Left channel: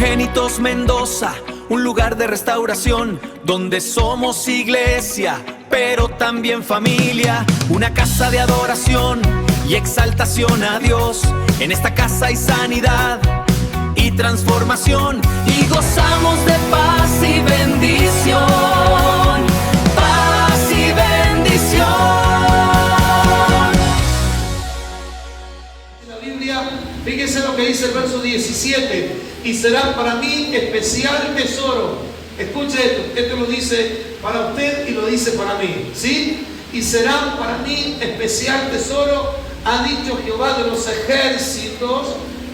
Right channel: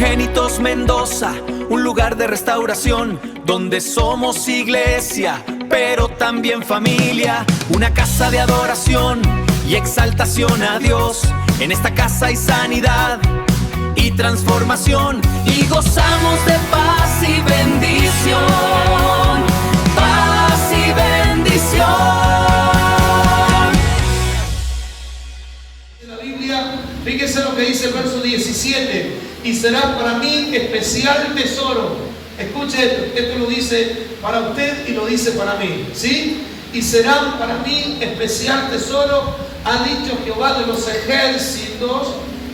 Primogénitos Mendoza, un lugar de restauración donde somos iglesia, pero también familia, una casa de adoración y exaltación a Dios. En esta casa hay sanidad y transformación y gozamos de paz y bendición, paz y bendición. La Biblia, fíjese lo que dice el verso 17: y será para mí especial tesoro. Escuche esto lo dice para usted y lo dice para mí, ¿sí? Y serán para mí especial tesoro, ha dicho Jehová de los ejércitos,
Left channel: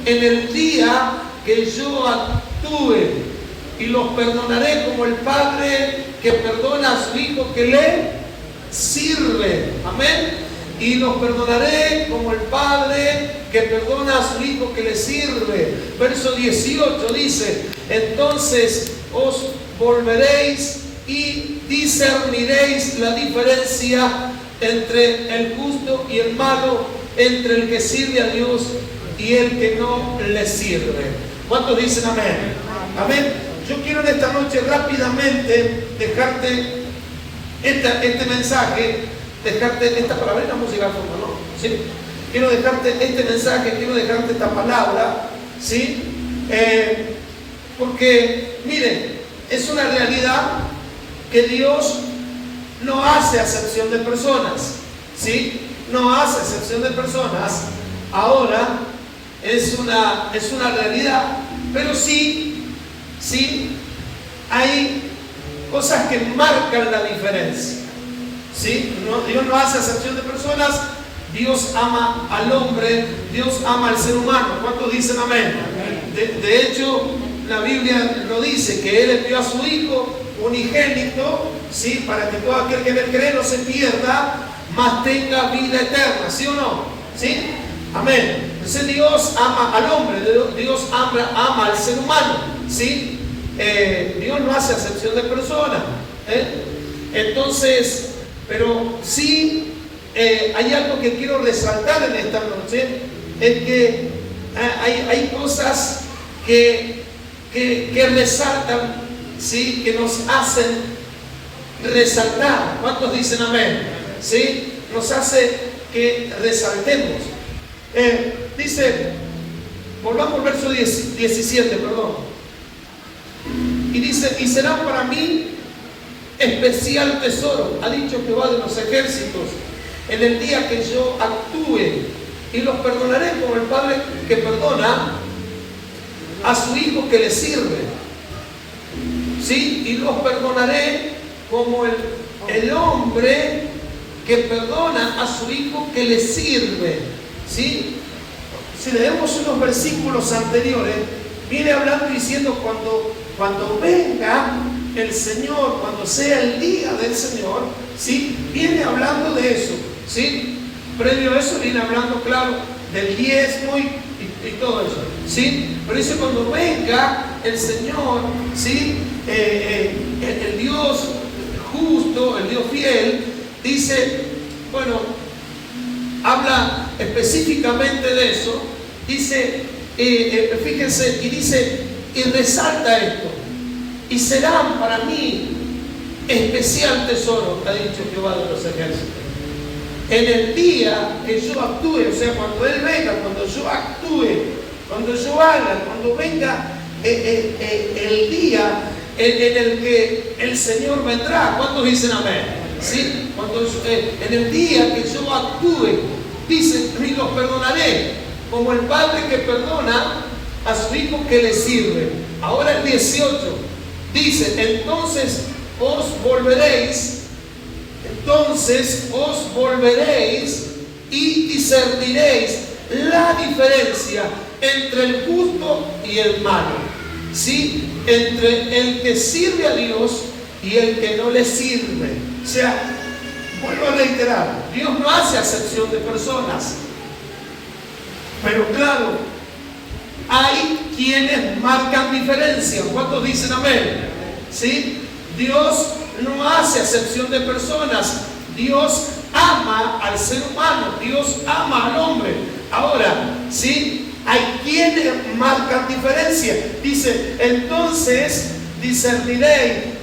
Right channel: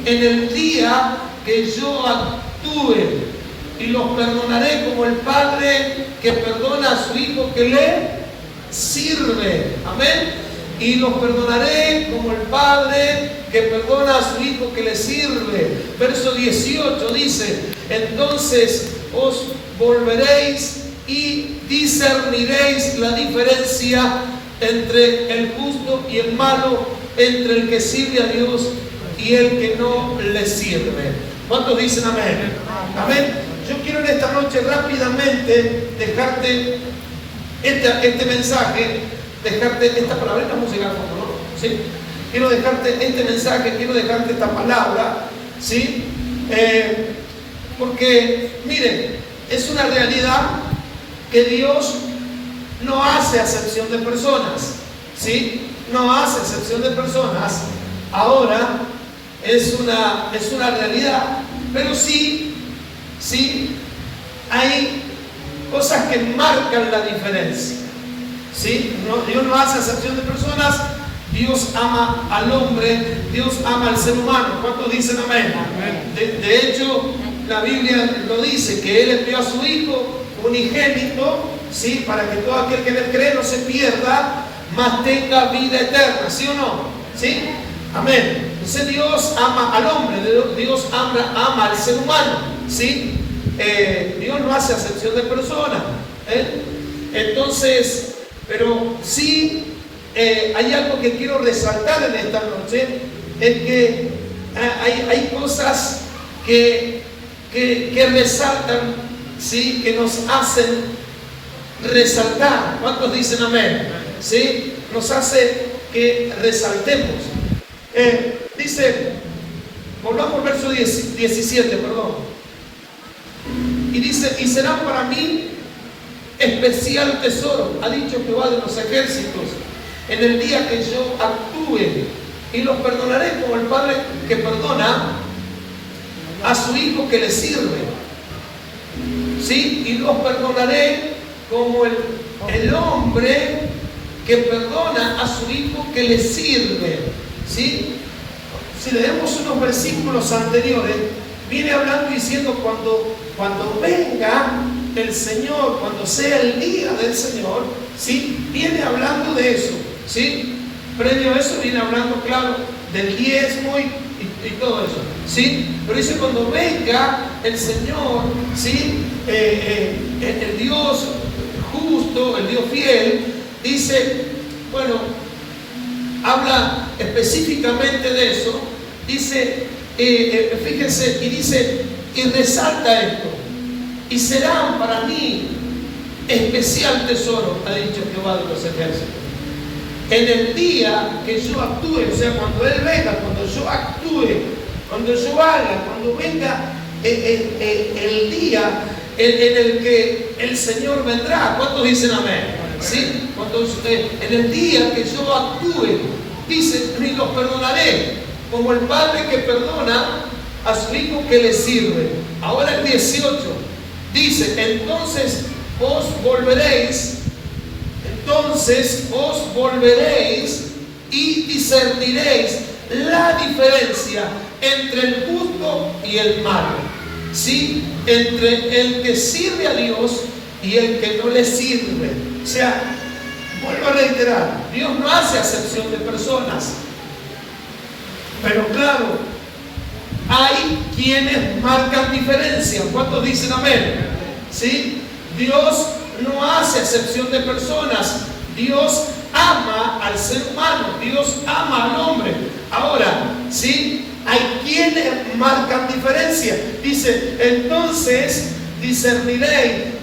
en el día que yo actúe, y los perdonaré como el padre que perdona a su hijo que le sirve. Amén. Y los perdonaré como el padre que perdona a su hijo que le sirve. Verso 18 dice: entonces os volveréis y discerniréis la diferencia entre el justo y el malo, entre el que sirve a Dios y el que no le sirve. ¿Cuántos dicen amén? Amén. Yo quiero en esta noche rápidamente dejarte este mensaje, dejarte esta palabra. Vamos a llegar a fondo, ¿no? ¿Sí? Quiero dejarte este mensaje, quiero dejarte esta palabra, ¿sí? Porque, miren, es una realidad que Dios no hace acepción de personas, ¿sí? No hace acepción de personas. Ahora es una realidad, pero sí hay cosas que marcan la diferencia, ¿sí? Dios no hace acepción de personas. Dios ama al hombre, Dios ama al ser humano. ¿Cuántos dicen amén? De hecho, la Biblia lo dice, que Él envió a su Hijo unigénito, ¿sí? Para que todo aquel que en Él cree no se pierda, mas tenga vida eterna, ¿sí o no? ¿Sí? Amén. Entonces Dios ama al hombre, Dios ama al ser humano, ¿sí? Dios no hace acepción de personas, Entonces, pero sí hay algo que quiero resaltar en esta noche, es que hay cosas que resaltan, ¿sí? Que nos hacen resaltar. ¿Cuántos dicen amén? ¿Sí? Nos hace que resaltemos. Dice, volvamos al verso 17, perdón. Y dice: y será para mí especial tesoro, ha dicho Jehová de los ejércitos, en el día que yo actúe, y los perdonaré como el padre que perdona a su hijo que le sirve, ¿sí? Y los perdonaré como el hombre que perdona a su hijo que le sirve, ¿sí? Si leemos unos versículos anteriores, viene hablando diciendo cuando venga el Señor, cuando sea el día del Señor, ¿sí? Viene hablando de eso, ¿sí? Previo a eso viene hablando, claro, del diezmo y todo eso, ¿sí? Pero dice cuando venga el Señor, ¿sí? El Dios justo, el Dios fiel, dice, bueno, habla específicamente de eso, dice, fíjense, y dice, y resalta esto: y serán para mí especial tesoro, ha dicho Jehová de los ejércitos, en el día que yo actúe. O sea, cuando Él venga, cuando yo actúe, cuando yo haga, cuando venga el día en el que el Señor vendrá. ¿Cuántos dicen amén? ¿Sí? En el día que yo actúe, dice, y los perdonaré como el padre que perdona a su hijo que le sirve. Ahora el 18 dice: entonces os volveréis y discerniréis la diferencia entre el justo y el malo, ¿sí? Entre el que sirve a Dios y el que no le sirve. O sea, vuelvo a reiterar, Dios no hace acepción de personas, pero claro, hay quienes marcan diferencia. ¿Cuántos dicen amén? ¿Sí? Dios no hace acepción de personas. Dios ama al ser humano, Dios ama al hombre. Ahora, ¿sí? hay quienes marcan diferencia. Dice, entonces discerniréis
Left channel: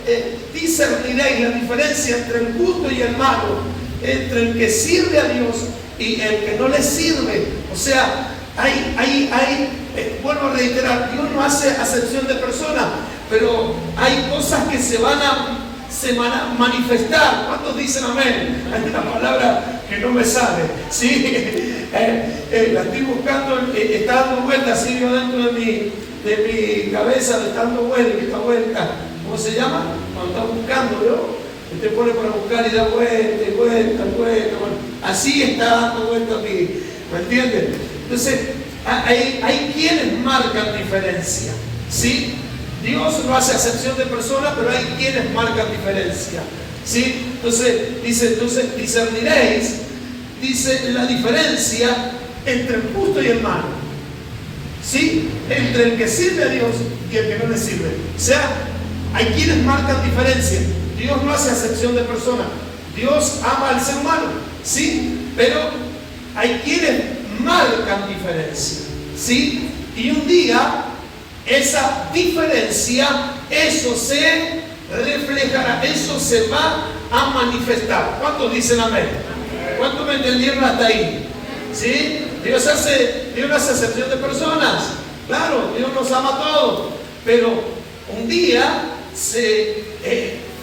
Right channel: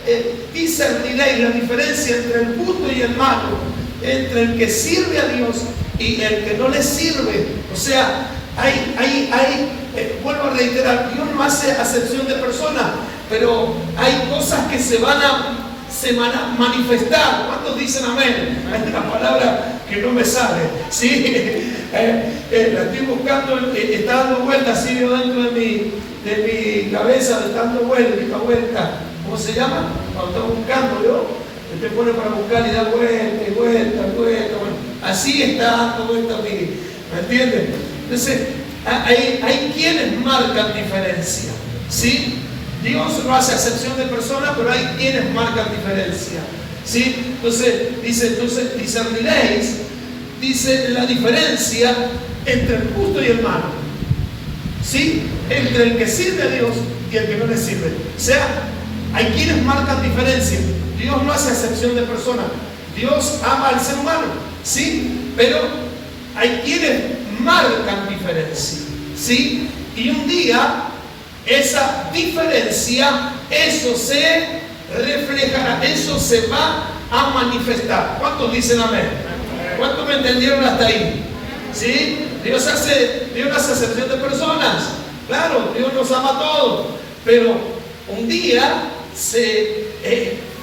la diferencia entre el justo y el malo, entre el que sirve a Dios y el que no le sirve. O sea, vuelvo a reiterar, Dios no hace acepción de personas, pero hay cosas que se van a manifestar. ¿Cuántos dicen amén? Hay una palabra que no me sale, ¿sí? La estoy buscando, está dando vueltas así yo dentro de mi cabeza, está dando vuelta. ¿Cómo se llama? Cuando está buscando, ¿yo? Te pone para buscar y da vuelta y vuelta. Bueno, así está dando vuelta a mí, ¿me entiendes? Entonces, hay quienes marcan diferencia, ¿sí? Dios no hace acepción de personas, pero hay quienes marcan diferencia, ¿sí? Entonces discerniréis, dice, la diferencia entre el justo y el malo, ¿sí? Entre el que sirve a Dios y el que no le sirve. O sea, hay quienes marcan diferencia. Dios no hace acepción de personas. Dios ama al ser humano, ¿sí? Pero hay quienes marcan diferencia, ¿sí? Y un día esa diferencia, eso se reflejará, eso se va a manifestar. ¿Cuántos dicen amén? ¿Cuántos me entendieron hasta ahí? ¿Sí? Dios no hace acepción de personas. Claro, Dios nos ama a todos, pero un día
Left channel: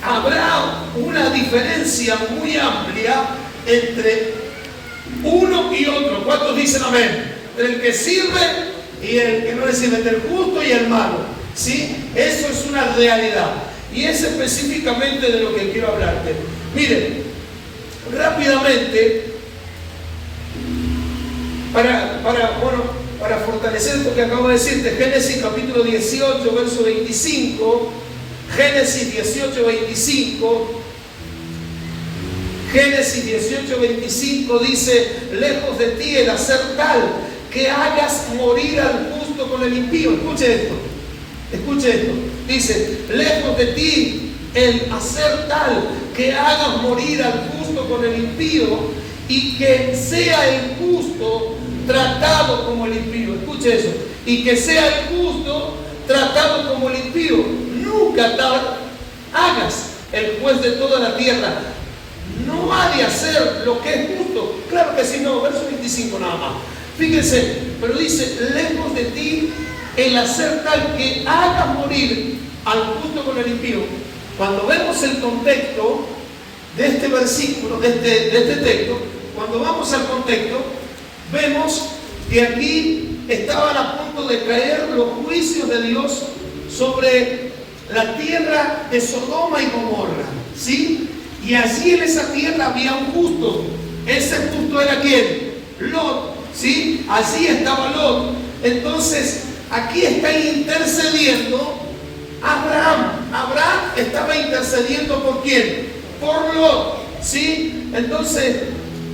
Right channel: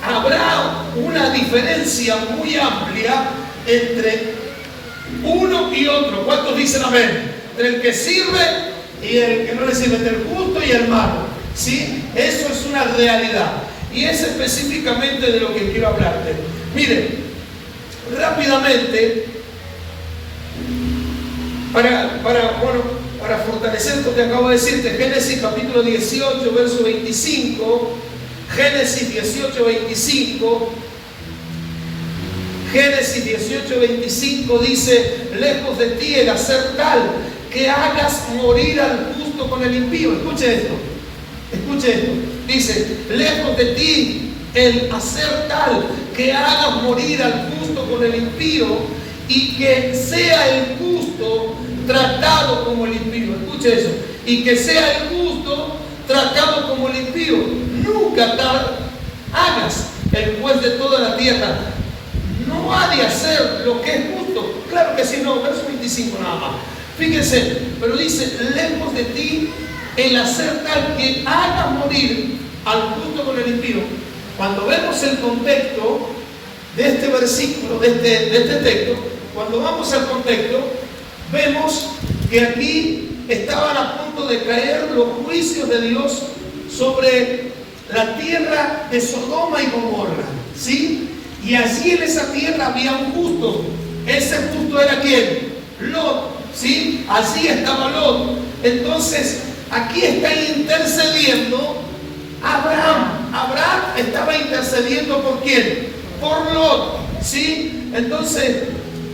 habrá una diferencia muy amplia entre uno y otro. ¿Cuántos dicen amén? Entre el que sirve y el que no le sirve, entre el justo y el malo, ¿sí? Eso es una realidad y es específicamente de lo que quiero hablarte. Miren, rápidamente, para fortalecer esto que acabo de decirte, Génesis capítulo 18, verso 25, Génesis 18, 25, Génesis 18, 25 dice, lejos de ti el hacer tal que hagas morir al justo con el impío. Escuche esto, dice, lejos de ti el hacer tal que hagas morir al justo con el impío y que sea el justo tratado como el impío. Escuche eso, y que sea el justo tratado como el impío. Nunca hagas el juez de toda la tierra. No ha de hacer lo que es justo. Claro que sí, no, verso 25 nada más. Fíjense, pero dice, lejos de ti el hacer tal que haga morir al justo con el impío. Cuando vemos el contexto de este versículo, de este texto, cuando vamos al contexto, vemos que aquí estaban a punto de caer los juicios de Dios sobre la tierra de Sodoma y Gomorra, ¿sí? Y allí en esa tierra había un justo. Ese justo era ¿quién? Lot, ¿sí? Allí estaba Lot. Entonces, aquí está intercediendo Abraham. Abraham estaba intercediendo ¿por quién? Por Lot, ¿sí? Entonces,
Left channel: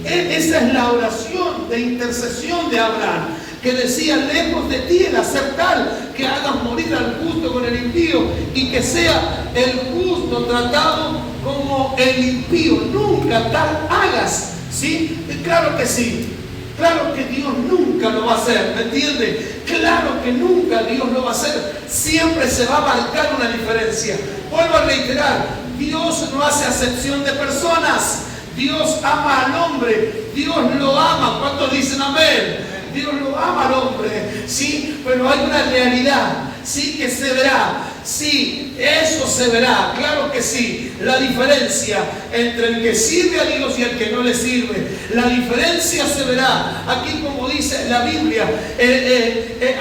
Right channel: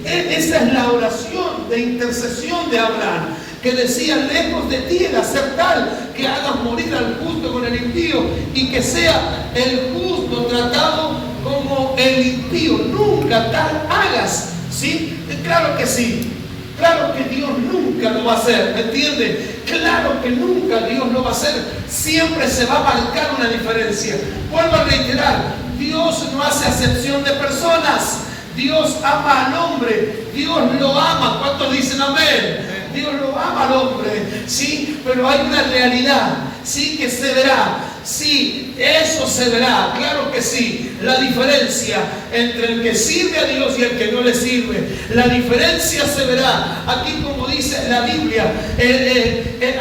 esa es la oración de intercesión de Abraham, que decía, lejos de ti el hacer tal que hagas morir al justo con el impío y que sea el justo tratado como el impío. Nunca tal hagas, ¿sí? Claro que sí. Claro que Dios nunca lo va a hacer, ¿me entiende? Claro que nunca Dios lo va a hacer. Siempre se va a marcar una diferencia. Vuelvo a reiterar, Dios no hace acepción de personas. Dios ama al hombre, Dios lo ama. ¿Cuántos dicen amén? Dios lo ama al hombre, sí, pero hay una realidad, sí, que se verá, sí, eso se verá, claro que sí, la diferencia entre el que sirve a Dios y el que no le sirve, la diferencia se verá. Aquí, como dice la Biblia,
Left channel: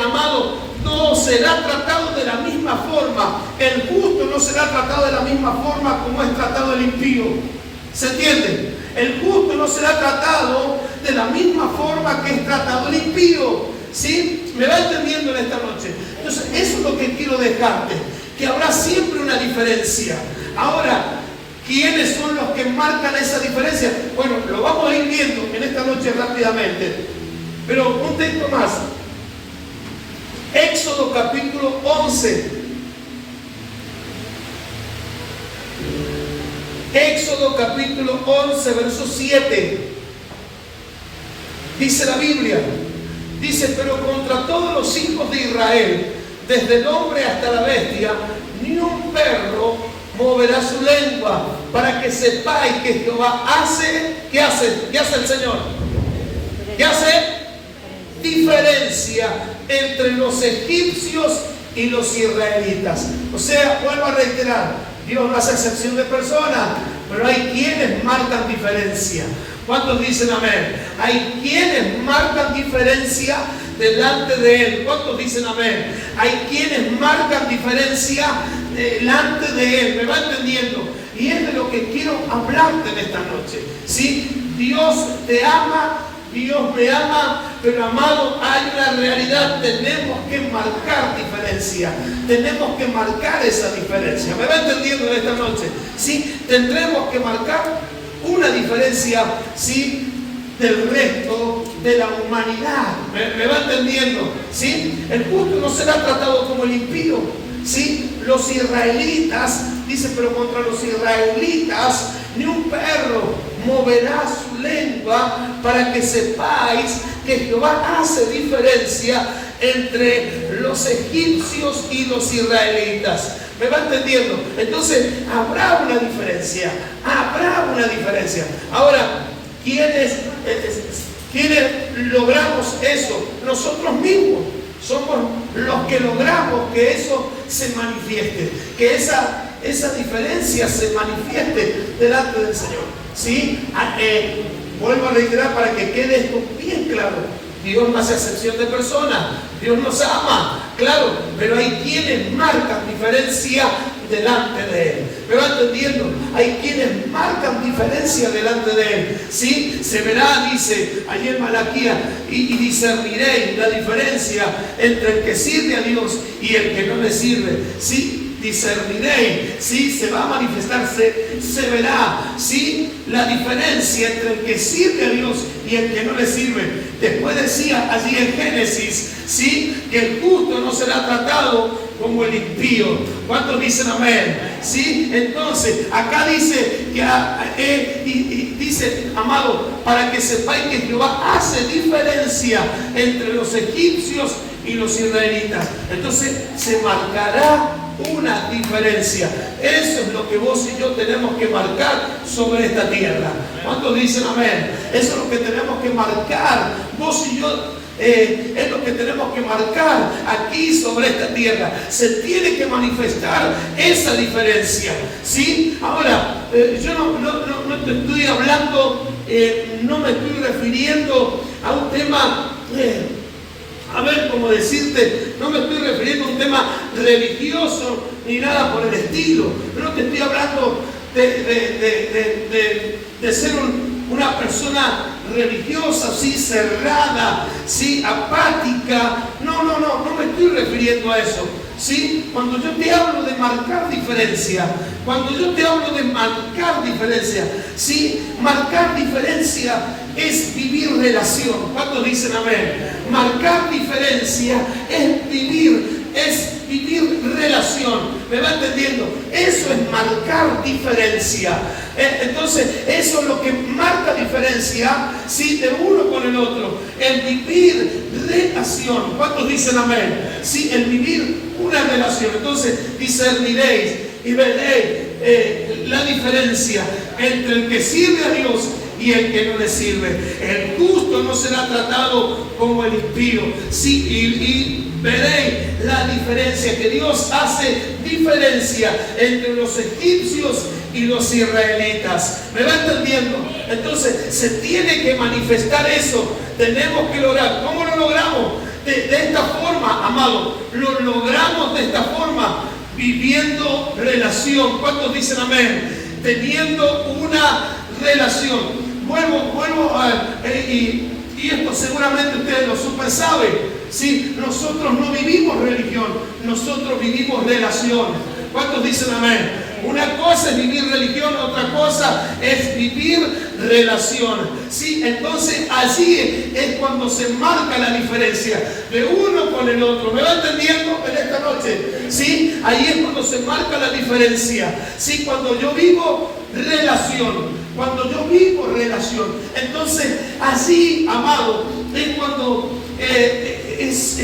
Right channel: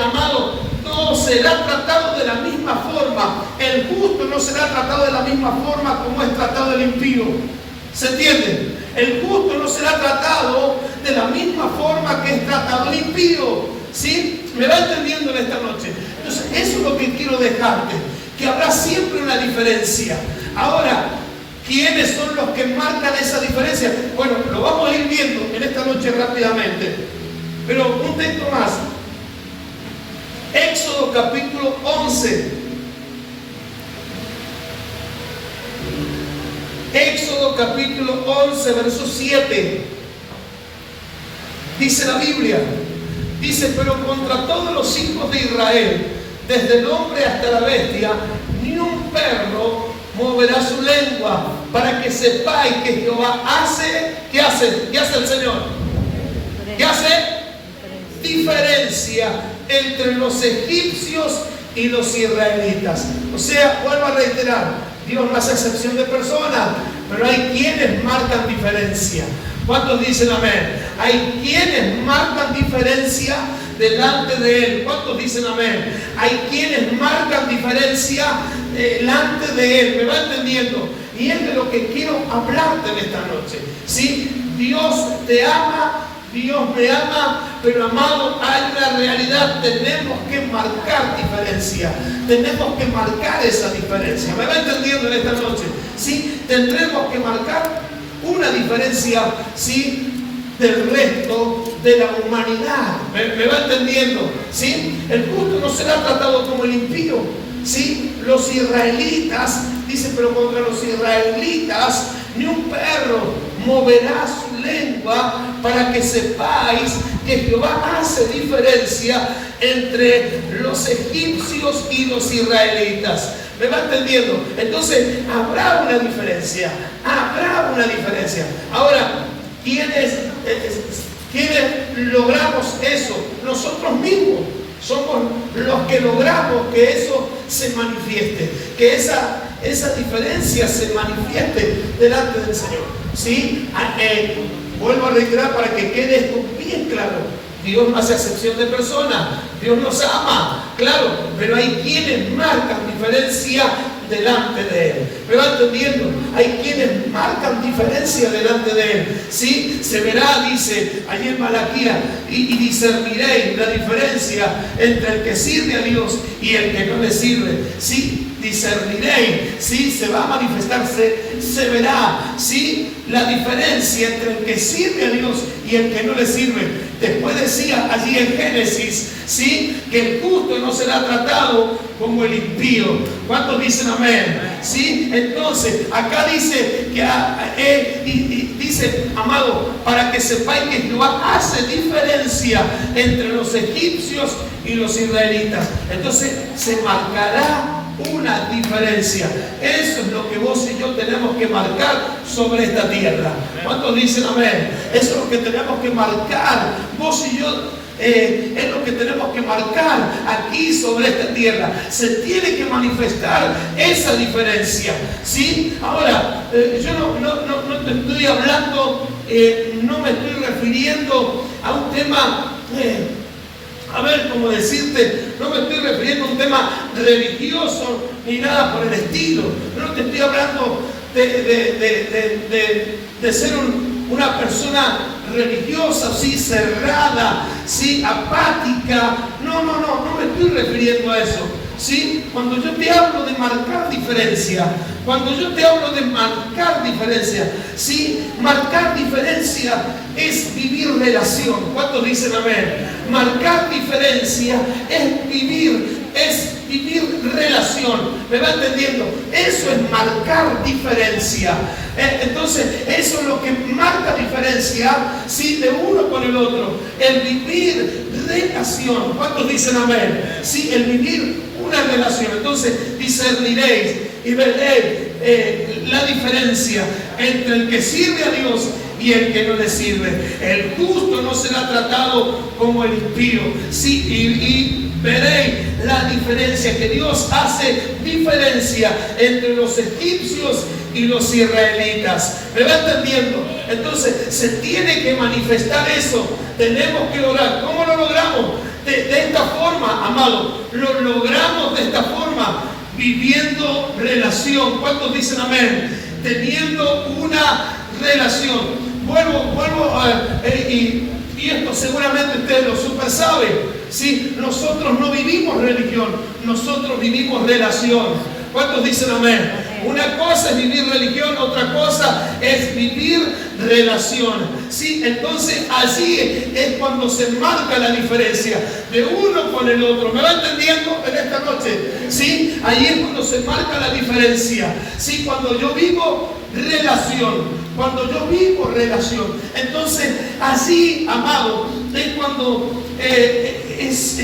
amado, no será tratado de la misma forma, el justo no será tratado de la misma forma como es tratado el impío. ¿Se entiende? El justo no será tratado de la misma forma que es tratado el impío. ¿Sí? ¿Me va entendiendo en esta noche? Entonces, eso es lo que quiero dejarte, que habrá siempre una diferencia. Ahora, ¿quiénes son los que marcan esa diferencia? Bueno, lo vamos a ir viendo en esta noche rápidamente. Pero un texto más. Éxodo capítulo 11. Éxodo capítulo 11, verso 7. Dice la Biblia, Dice, pero contra todos los hijos de Israel, desde el hombre hasta la bestia, ni un perro moverá su lengua, para que sepáis que Jehová hace, ¿qué hace? ¿Qué hace el Señor? ¿Qué hace? Diferencia entre los egipcios y los israelitas. O sea, vuelvo a reiterar, Dios no hace excepción de personas, pero hay quienes marcan diferencia. ¿Cuántos dicen amén? Hay quienes marcan diferencia delante de Él. ¿Cuántos dicen amén? Hay quienes marcan diferencia delante de Él. ¿Me va entendiendo? Y es de lo que quiero hablarte en esta noche. ¿Sí? Dios te ama, Dios me ama, pero amado, hay una realidad. Tenemos que marcar diferencia. Tenemos que marcar esa diferencia. ¿Me va entendiendo en esta noche? ¿Sí? Tendremos que marcar una diferencia, ¿sí?, del resto de la humanidad. ¿Me va entendiendo? ¿Sí? El justo no será tratado como el impío. ¿Sí? Los israelitas, dice, pero contra los israelitas ni un perro moverá su lengua, para que sepáis que Jehová hace diferencia entre los egipcios y los israelitas. ¿Me va entendiendo? Entonces, habrá una diferencia. Habrá una diferencia. Ahora, ¿quiénes logramos eso? Nosotros mismos somos los que logramos que eso se manifieste, que esa diferencia se manifieste delante del Señor. ¿Sí? Vuelvo a reiterar para que quede esto bien claro. Dios no hace excepción de personas. Dios nos ama, claro, pero hay quienes marcan diferencia delante de Él. ¿Me va entendiendo? Hay quienes marcan diferencia delante de Él. ¿Sí? Se verá, dice allí en Malaquías, y discerniréis la diferencia entre el que sirve a Dios y el que no le sirve. ¿Sí? Discerniréis, ¿sí? Se va a manifestar, se verá, ¿sí?, la diferencia entre el que sirve a Dios y el que no le sirve. Después decía allí en Génesis, ¿sí?, que el justo no será tratado como el impío. ¿Cuántos dicen amén? ¿Sí? Entonces, acá dice que dice, amado, para que sepáis que Jehová hace diferencia entre los egipcios y los israelitas. Entonces, se marcará una diferencia. Eso es lo que vos y yo tenemos que marcar sobre esta tierra. ¿Cuántos dicen amén? Eso es lo que tenemos que marcar. Vos y yo es lo que tenemos que marcar aquí sobre esta tierra. Se tiene que manifestar esa diferencia. ¿Sí? Ahora, yo no te estoy hablando, no me estoy refiriendo a un tema a ver, cómo decirte, no me estoy refiriendo a un tema religioso ni nada por el estilo. No te estoy hablando de ser una persona religiosa, sí, cerrada, sí, apática. No me estoy refiriendo a eso. ¿Sí? Cuando yo te hablo de marcar diferencia, ¿sí? Marcar diferencia es vivir relación. ¿Cuántos dicen amén? Marcar diferencia es vivir relación. ¿Me va entendiendo? Eso es marcar diferencia. Entonces, eso es lo que marca diferencia, ¿sí?, de uno con el otro. El vivir relación. ¿Cuántos dicen amén? Sí, el vivir una relación. Entonces, discerniréis y veréis la diferencia entre el que sirve a Dios y el que no le sirve. El justo no será tratado como el impío. Sí, y veréis la diferencia, que Dios hace diferencia entre los egipcios y los israelitas. ¿Me va entendiendo? Entonces, se tiene que manifestar eso. Tenemos que lograr. ¿Cómo lo logramos? De esta forma, amado. Lo logramos de esta forma, viviendo relación. ¿Cuántos dicen amén? Teniendo una relación. Vuelvo y esto seguramente ustedes lo super saben. ¿Sí? Nosotros no vivimos religión, nosotros vivimos relación. ¿Cuántos dicen amén? Una cosa es vivir religión, otra cosa es vivir relación. ¿Sí? Entonces allí es cuando se marca la diferencia de uno con el otro. ¿Me va entendiendo en esta noche? ¿Sí? Ahí es cuando se marca la diferencia. ¿Sí? Cuando yo vivo relación. Entonces allí, amado, es cuando es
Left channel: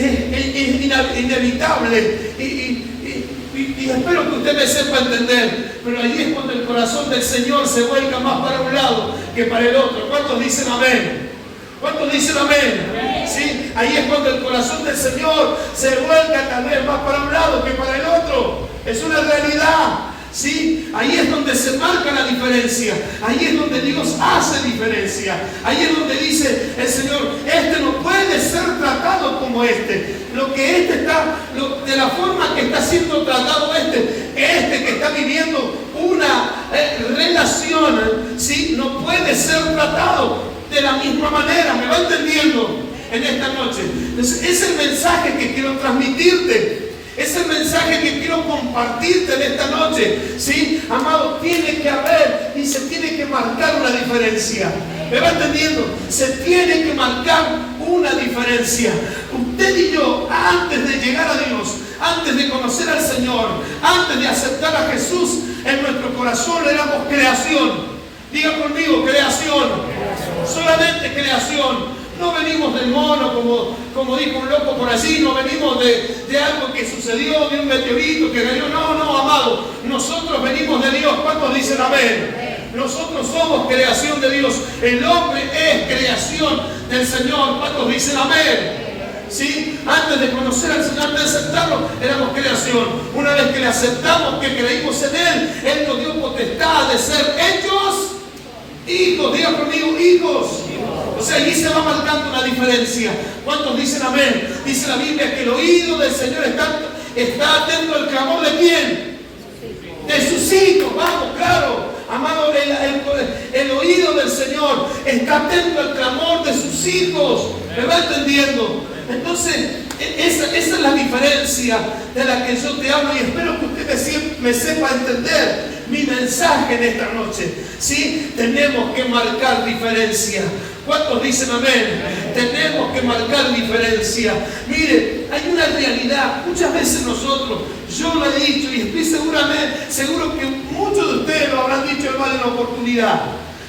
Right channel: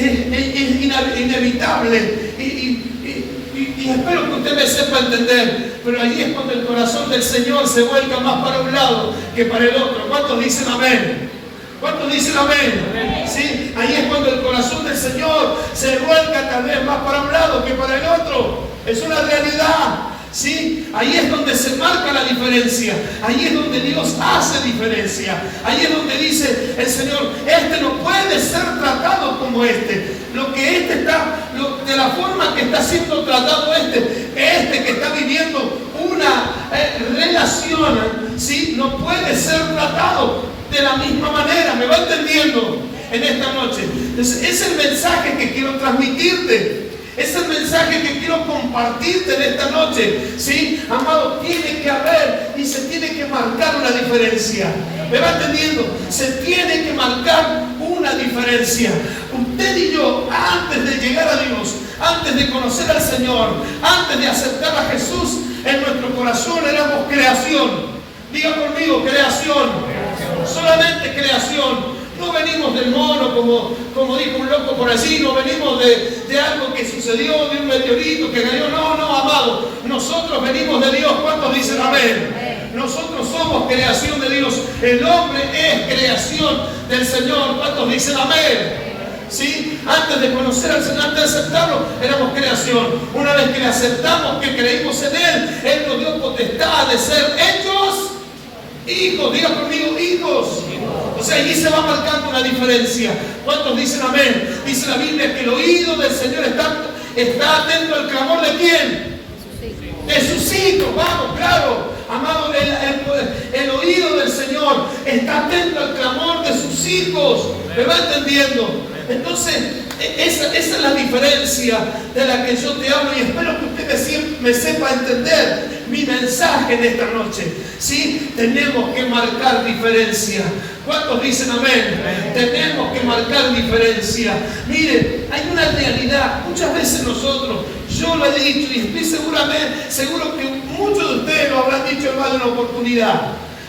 inevitable y espero que usted me sepa entender, pero allí es cuando el corazón del Señor se vuelca más para un lado que para el otro. ¿Cuántos dicen amén? ¿Cuántos dicen amén? ¿Sí? Ahí es cuando el corazón del Señor se vuelca tal vez más para un lado que para el otro. Es una realidad. ¿Sí? Ahí es donde se marca la diferencia. Ahí es donde Dios hace diferencia. Ahí es donde dice el Señor, este no puede ser tratado como este. Lo que este está, de la forma que está siendo tratado este que está viviendo una relación, ¿sí? No puede ser tratado de la misma manera. ¿Me va entendiendo en esta noche? Entonces, es el mensaje que quiero transmitirte. Es el mensaje que quiero compartirte en esta noche. ¿Sí? Amado, tiene que haber y se tiene que marcar una diferencia. ¿Me va entendiendo? Se tiene que marcar una diferencia. Usted y yo, antes de llegar a Dios, antes de conocer al Señor, antes de aceptar a Jesús en nuestro corazón, éramos creación. Diga conmigo, creación. Solamente creación. No venimos del mono, como dijo un loco por allí, no venimos de algo que sucedió, de un meteorito que cayó. No, amado. Nosotros venimos de Dios. ¿Cuántos dicen amén? Nosotros somos creación de Dios. El hombre es creación del Señor. ¿Cuántos dicen amén? ¿Sí? Antes de conocer al Señor, antes de aceptarlo, éramos creación. Una vez que le aceptamos, que creímos en Él nos dio potestad de ser hechos hijos. Diga conmigo, hijos. O sea, allí se va marcando una diferencia. ¿Cuántos dicen amén? Dice la Biblia que el oído del Señor está atento al clamor de ¿quién? De sus hijos. Vamos, claro. Amado, el oído del Señor está atento al clamor de sus hijos. ¿Me va entendiendo? Entonces, esa es la diferencia de la que yo te hablo y espero que usted me sepa entender mi mensaje en esta noche. ¿Sí? Tenemos que marcar diferencia. ¿Cuántos dicen amén? Tenemos que marcar diferencia. Mire, hay una realidad. Muchas veces nosotros, yo lo he dicho y estoy seguro que muchos de ustedes lo habrán dicho en más de una oportunidad.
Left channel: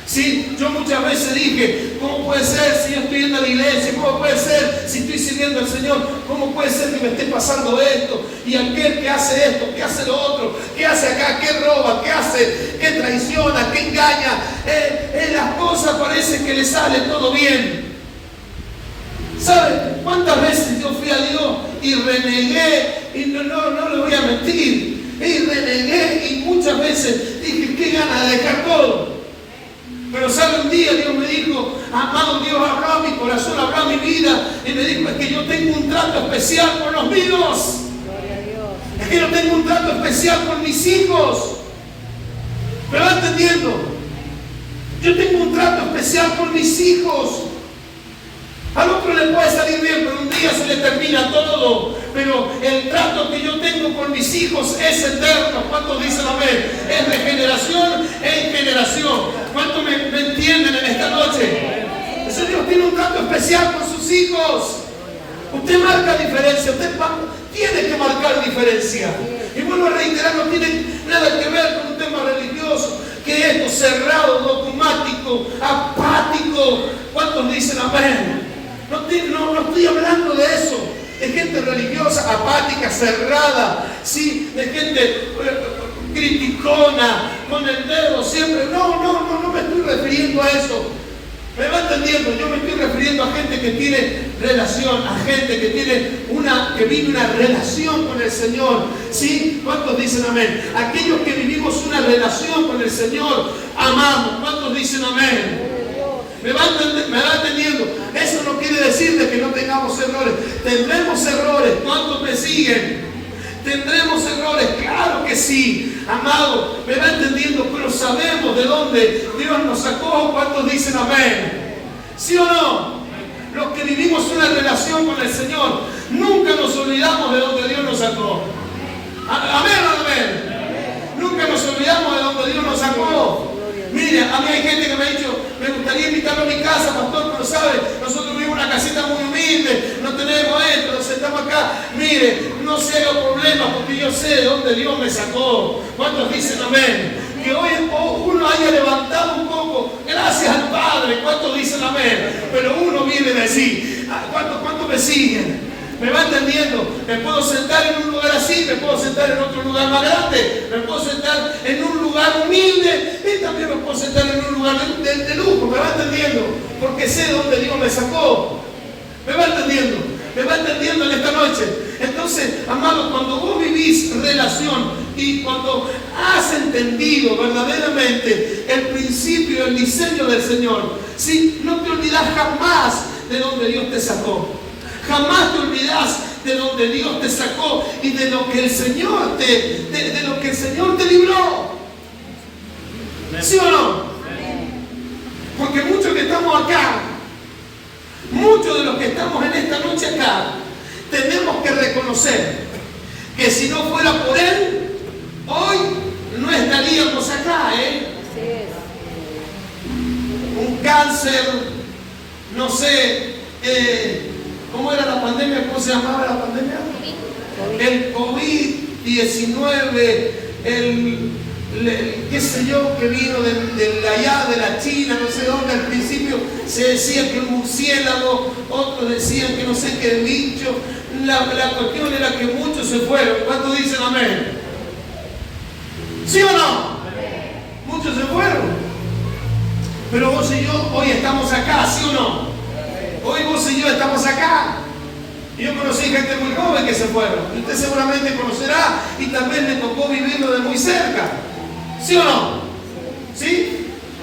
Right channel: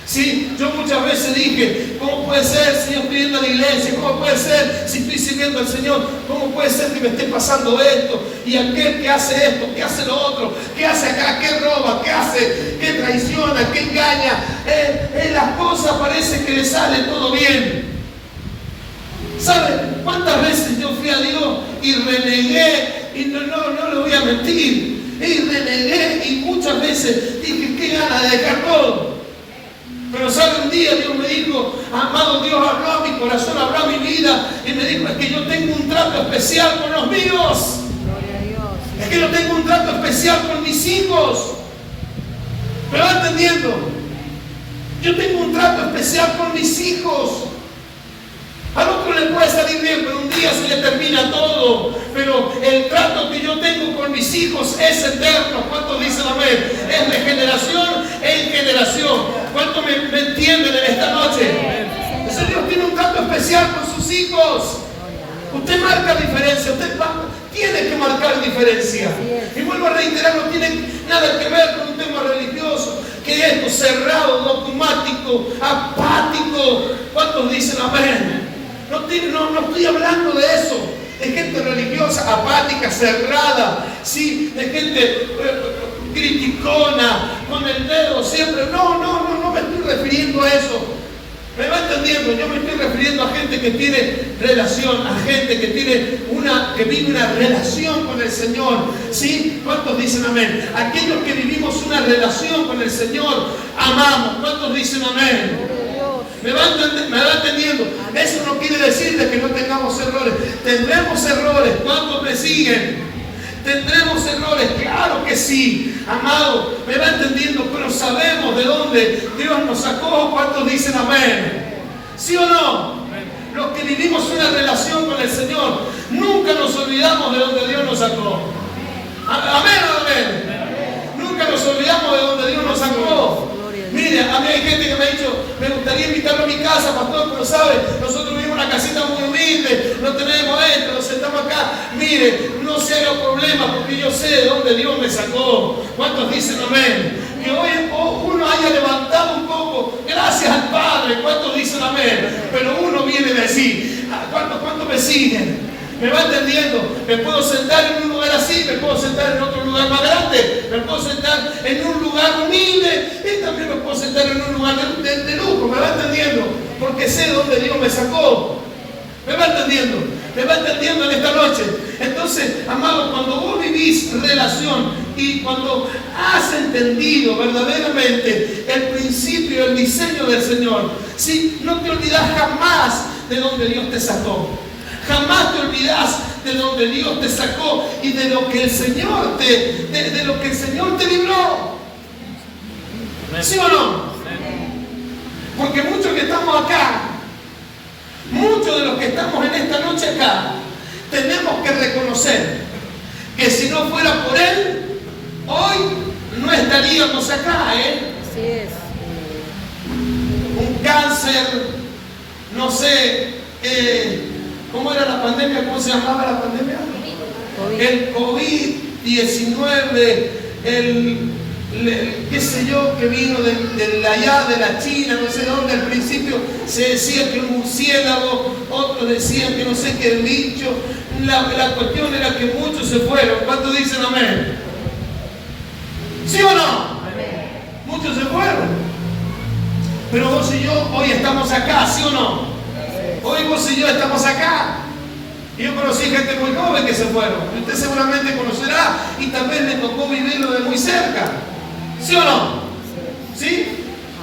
¿Sí? Yo muchas veces dije, ¿cómo puede ser si yo estoy yendo a la iglesia? ¿Cómo puede ser si estoy sirviendo al Señor? ¿Cómo puede ser que me esté pasando esto? Y aquel que hace esto, que hace lo otro, que hace acá, que roba, que hace, que traiciona, que engaña. Las cosas parece que le sale todo bien. ¿Sabe cuántas veces yo fui a Dios y renegué? Y no le voy a mentir. Y renegué y muchas veces dije, qué ganas de dejar todo. Pero sabe, un día Dios me dijo, amado, Dios habló a mi corazón, habló a mi vida y me dijo, es que yo tengo un trato especial con los míos. Es que yo tengo un trato especial con mis hijos. ¿Me va entendiendo? Yo tengo un trato especial con mis hijos. Al otro le puede salir bien, pero un día se le termina todo. Pero el trato que yo tengo con mis hijos es eterno. ¿Cuántos dicen amén? Es de generación en generación. ¿Cuántos me entienden en esta noche? Entonces Dios tiene un trato especial con sus hijos. Usted marca diferencia. Usted tiene que marcar diferencia. Y vuelvo a reiterar, no tiene nada que ver con un tema religioso. Que esto cerrado, dogmático, apático. ¿Cuántos dicen amén? No estoy hablando de eso, de gente religiosa, apática, cerrada, ¿sí? De gente criticona, con el dedo siempre. No me estoy refiriendo a eso. ¿Me va entendiendo? Yo me estoy refiriendo a gente que tiene relación, a gente que vive una relación con el Señor. ¿Sí? ¿Cuántos dicen amén? Aquellos que vivimos una relación con el Señor, amamos. ¿Cuántos dicen amén? ¿Me va entendiendo? Eso no quiere decir de que no tengamos errores. Tendremos errores. ¿Cuántos me siguen? ¿Tendremos errores? Claro que sí. Amado, me va entendiendo, pero sabemos de dónde Dios nos sacó. ¿Cuántos dicen amén? ¿Sí o no? Los que vivimos una relación con el Señor, nunca nos olvidamos de dónde Dios nos sacó. Amén o amén. Nunca nos olvidamos de dónde Dios nos sacó. Mire, a mí hay gente que me ha dicho, me gustaría invitarlo a mi casa, pastor, pero sabe, nosotros vivimos en una casita muy humilde, no tenemos esto, nos sentamos acá. Mire, no se haga problema porque yo sé de dónde Dios me sacó. ¿Cuántos dicen amén? que hoy uno haya levantado un poco, gracias al Padre. ¿Cuántos dicen amén? Pero uno viene a decir, ¿cuántos me siguen? ¿Me va entendiendo? Me puedo sentar en un lugar así, me puedo sentar en otro lugar más grande, me puedo sentar en un lugar humilde y también me puedo sentar en un lugar de lujo. ¿Me va entendiendo? Porque sé dónde Dios me sacó. ¿Me va entendiendo? ¿Me va entendiendo en esta noche? Entonces, amados, cuando vos vivís relación y cuando has entendido verdaderamente el principio, el diseño del Señor, ¿sí? No te olvidás jamás de donde Dios te sacó. Jamás te olvidás de donde Dios te sacó y de lo que el Señor de lo que el Señor te libró. ¿Sí o no? Porque muchos que estamos acá, muchos de los que estamos en esta noche acá, tenemos que reconocer que si no fuera por Él, hoy no estaríamos acá, Así es. Un cáncer, no sé, ¿cómo era la pandemia? ¿Cómo se llamaba la pandemia? El COVID-19, qué sé yo, que vino de allá, de la China, no sé dónde. Al principio se decía que un murciélago, otros decían que no sé qué bicho. La cuestión era que muchos se fueron. ¿Cuántos dicen amén? ¿Sí o no? Amén. Muchos se fueron. Pero vos y yo hoy estamos acá, ¿sí o no? Hoy vos y yo estamos acá. Yo conocí gente muy joven que se fueron. Y usted seguramente conocerá y también le tocó vivirlo de muy cerca. ¿Sí o no? ¿Sí?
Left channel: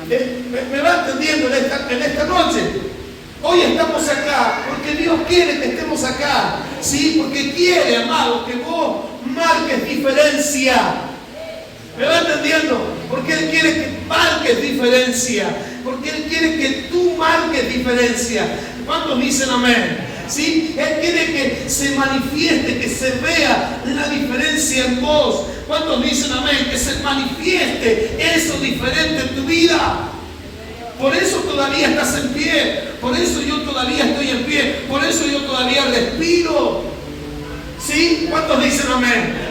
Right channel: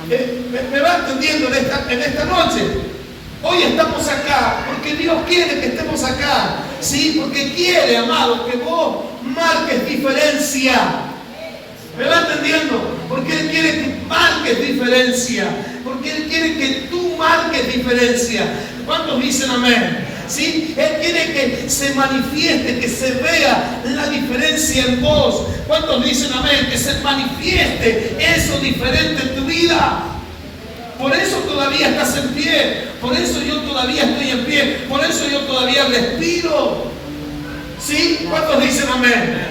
¿Me va entendiendo en esta noche? Hoy estamos acá porque Dios quiere que estemos acá. ¿Sí? Porque quiere, amado, que vos marques diferencia. ¿Me va entendiendo? Porque Él quiere que marques diferencia. Porque Él quiere que tú marques diferencia. ¿Cuántos dicen amén? ¿Sí? Él quiere que se manifieste, que se vea la diferencia en vos. ¿Cuántos dicen amén? Que se manifieste eso diferente en tu vida. Por eso todavía estás en pie. Por eso yo todavía estoy en pie. Por eso yo todavía respiro. ¿Sí? ¿Cuántos dicen amén?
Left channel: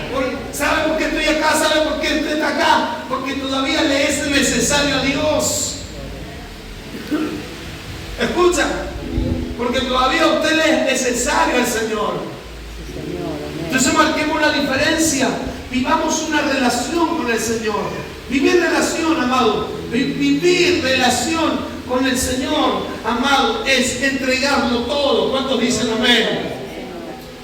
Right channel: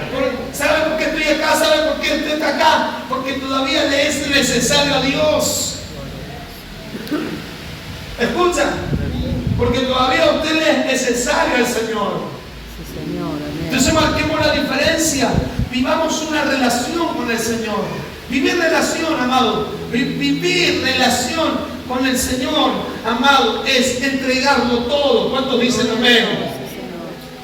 ¿Saben por qué estoy acá? ¿Saben por qué usted está acá? Porque todavía le es necesario a Dios. Escucha. Porque todavía a usted le es necesario al Señor. Entonces marquemos la diferencia. Vivamos una relación con el Señor. Vivir relación, amado. Vivir relación con el Señor, amado, es entregarlo todo. ¿Cuántos dicen amén?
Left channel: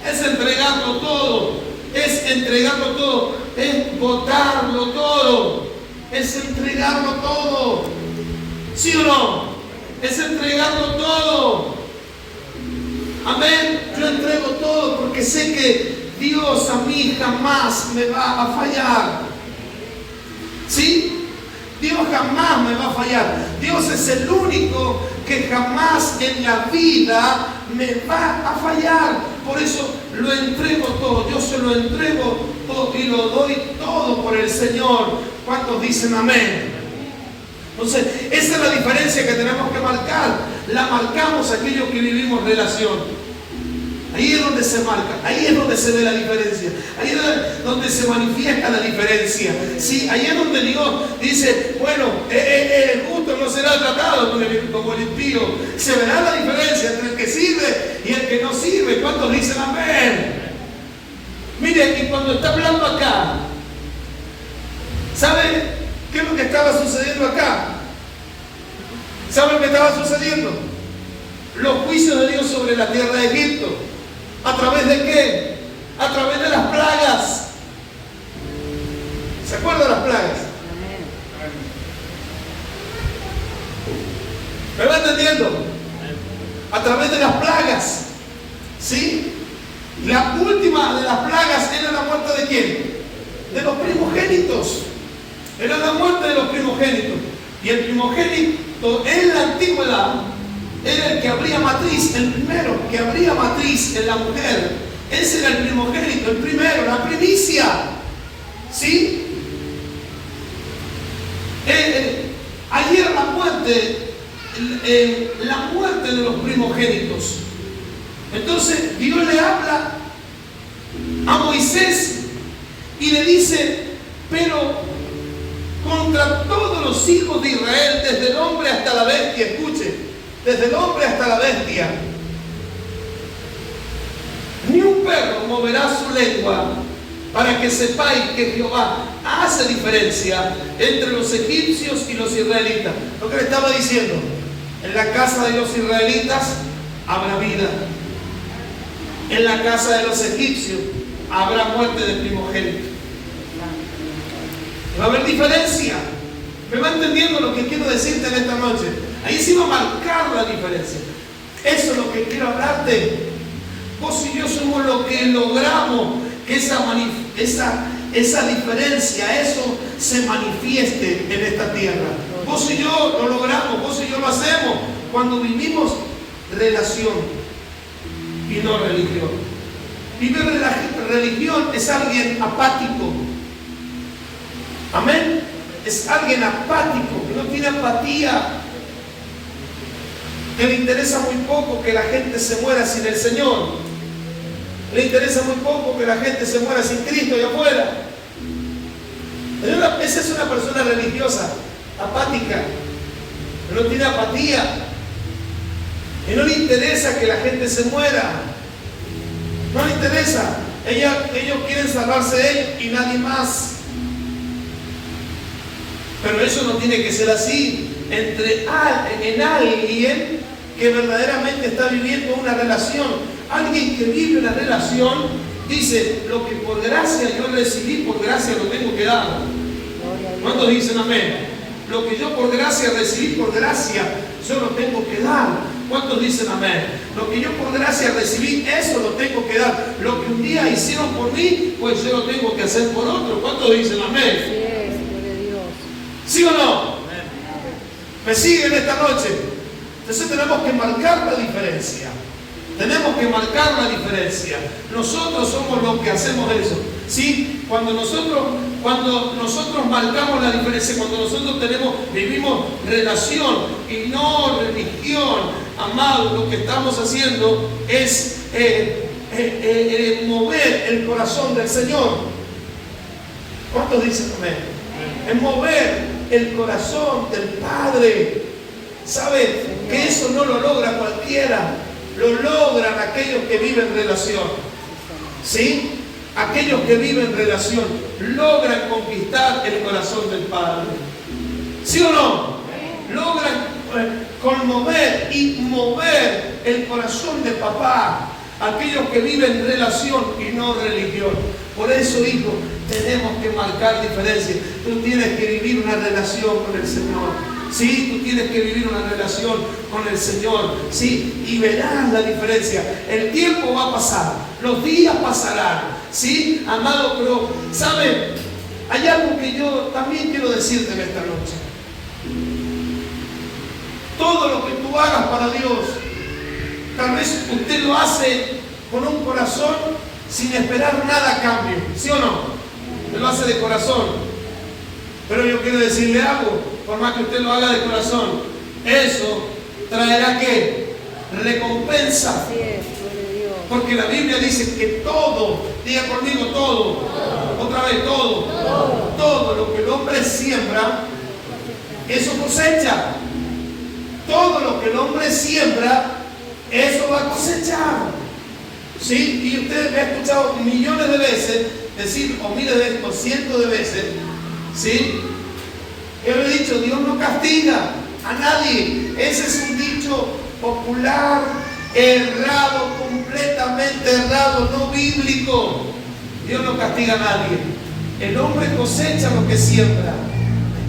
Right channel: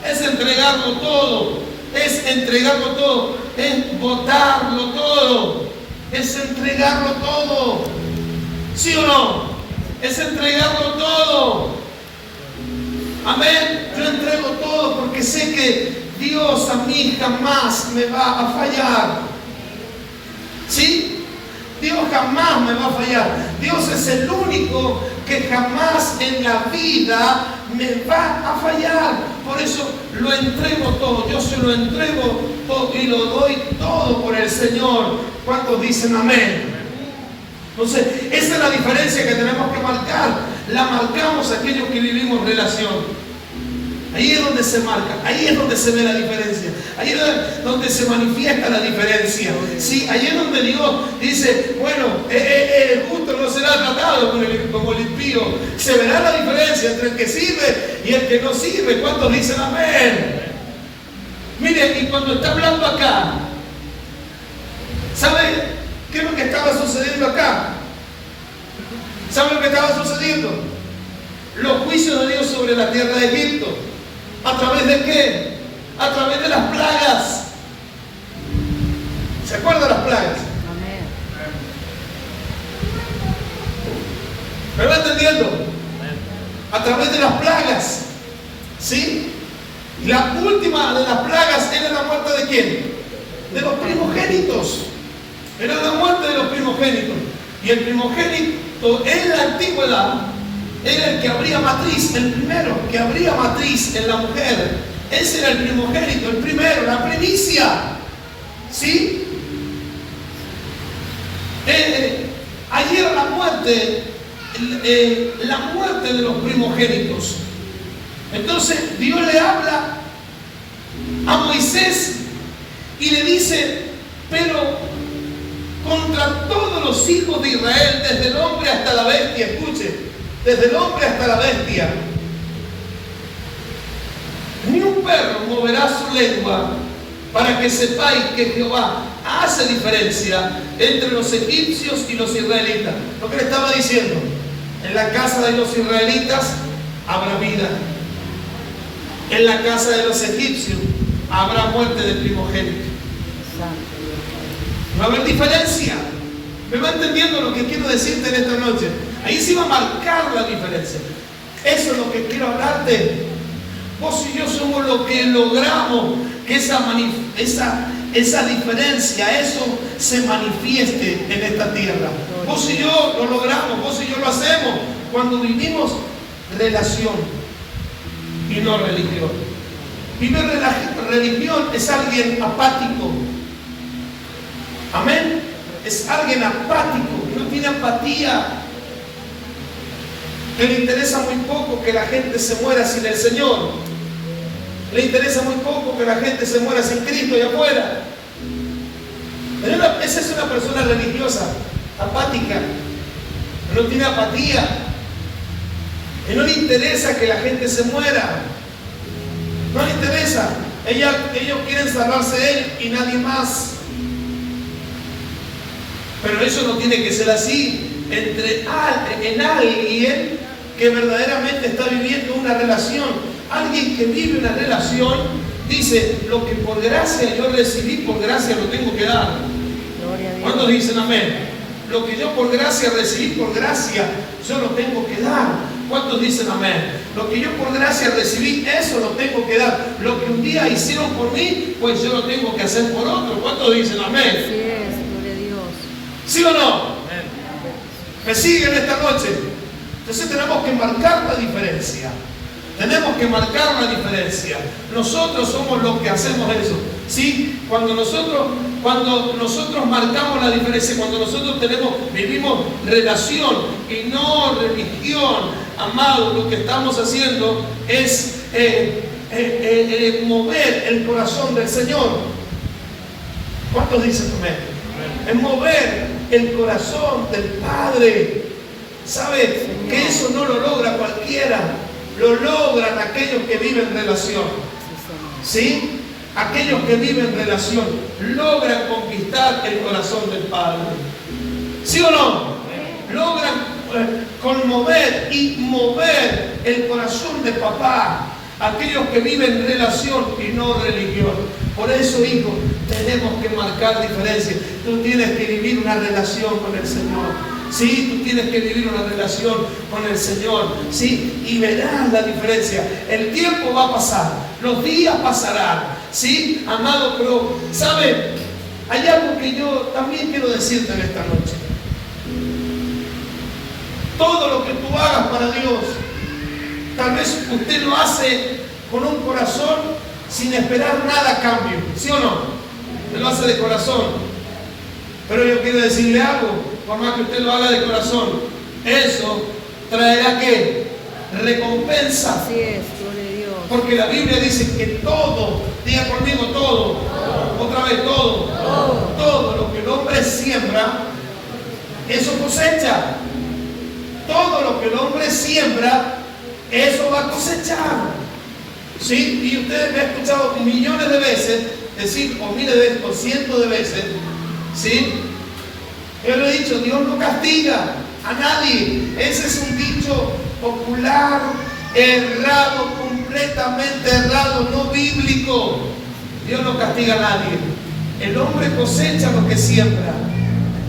Es entregarlo todo. Es entregarlo todo. Es botarlo todo. Es entregarlo todo. ¿Sí o no? Es entregarlo todo. Amén. Yo entrego todo porque sé que Dios a mí jamás me va a fallar. ¿Sí? Dios jamás me va a fallar. Dios es el único que jamás en la vida me va a fallar. Por eso lo entrego todo. Yo se lo entrego todo y lo doy todo por el Señor. ¿Cuántos dicen amén? Entonces, esa es la diferencia que tenemos que marcar. La marcamos aquellos que vivimos relación. Ahí es donde se marca, ahí es donde se ve la diferencia, ahí es donde se manifiesta la diferencia. Sí, ahí es donde Dios dice, bueno, el justo no será tratado como el impío. Se verá la diferencia entre el que sirve y el que no sirve. ¿Cuántos dicen amén? Mire, y cuando está hablando acá, ¿sabe qué es lo que estaba sucediendo acá? ¿Sabe lo que estaba sucediendo? Los juicios de Dios sobre la tierra de Egipto. ¿A través de qué? A través de las plagas. ¿Se acuerdan de las plagas? ¿Me va entendiendo? A través de las plagas. ¿Sí? La última de las plagas era la muerte de quién? De los primogénitos. Era la muerte de los primogénitos. Y el primogénito en la antigüedad era el que abría matriz, el primero que abría matriz en la mujer. Ese era el primogénito, el primero, la primicia. ¿Sí? Allí era la muerte de los primogénitos. Entonces Dios le habla a Moisés y le dice, pero contra todos los hijos de Israel, desde el hombre hasta la bestia. Escuche, desde el hombre hasta la bestia. Ni un perro moverá su lengua, para que sepáis que Jehová hace diferencia entre los egipcios y los israelitas. Lo que le estaba diciendo, en la casa de los israelitas habrá vida, en la casa de los egipcios habrá muerte de primogénito. Va a haber diferencia. ¿Me va entendiendo lo que quiero decirte en esta noche? Ahí sí va a marcar la diferencia. Eso es lo que quiero hablarte. Vos y yo somos los que logramos que esa diferencia, eso se manifieste en esta tierra. Vos y yo lo logramos, vos y yo lo hacemos cuando vivimos relación y no religión. Vivir religión es alguien apático. Amén. Es alguien apático, que no tiene empatía, que le interesa muy poco que la gente se muera sin el Señor. Le interesa muy poco que la gente se muera sin Cristo allá afuera. Esa es una persona religiosa, apática, que no tiene apatía, que no le interesa que la gente se muera. No le interesa. Ellos quieren salvarse de él y nadie más. Pero eso no tiene que ser así. En alguien que verdaderamente está viviendo una relación. Alguien que vive una relación dice: lo que por gracia yo recibí, por gracia lo tengo que dar. ¿Cuántos dicen amén? Lo que yo por gracia recibí, por gracia yo lo tengo que dar. ¿Cuántos dicen amén? Lo que yo por gracia recibí, eso lo tengo que dar. Lo que un día hicieron por mí, pues yo lo tengo que hacer por otro. ¿Cuántos dicen amén? ¿Sí o no? ¿Me siguen esta noche? Entonces tenemos que marcar la diferencia. Tenemos que marcar una diferencia. Nosotros somos los que hacemos eso. ¿Sí? Cuando nosotros marcamos la diferencia, cuando nosotros vivimos relación y no religión, amado, lo que estamos haciendo es mover el corazón del Señor. ¿Cuántos dicen amén? Es mover el corazón del Padre. ¿Sabe? Que eso no lo logra cualquiera. Lo logran aquellos que viven relación. ¿Sí? Aquellos que viven relación logran conquistar el corazón del Padre. ¿Sí o no? Logran conmover y mover el corazón de papá. Aquellos que viven relación y no religión. Por eso, hijo, tenemos que marcar diferencia. Tú tienes que vivir una relación con el Señor. Sí, tú tienes que vivir una relación con el Señor. Sí, y verás la diferencia. El tiempo va a pasar, los días pasarán. Sí, amado, pero, ¿sabe? Hay algo que yo también quiero decirte en esta noche. Todo lo que tú hagas para Dios, tal vez usted lo hace con un corazón sin esperar nada a cambio. ¿Sí o no? Usted lo hace de corazón. Pero yo quiero decirle algo, por más que usted lo haga de corazón, eso traerá ¿qué? Recompensa. Así es, gloria a Dios. Porque la Biblia dice que todo, diga conmigo todo, otra vez todo lo que el hombre siembra, eso cosecha. Todo lo que el hombre siembra, eso va a cosechar. ¿Sí? Y usted me ha escuchado millones de veces decir, o miles de veces, o cientos de veces, ¿sí? Yo lo he dicho, Dios no castiga a nadie. Ese es un dicho popular, errado, completamente errado, no bíblico. Dios no castiga a nadie. El hombre cosecha lo que siembra.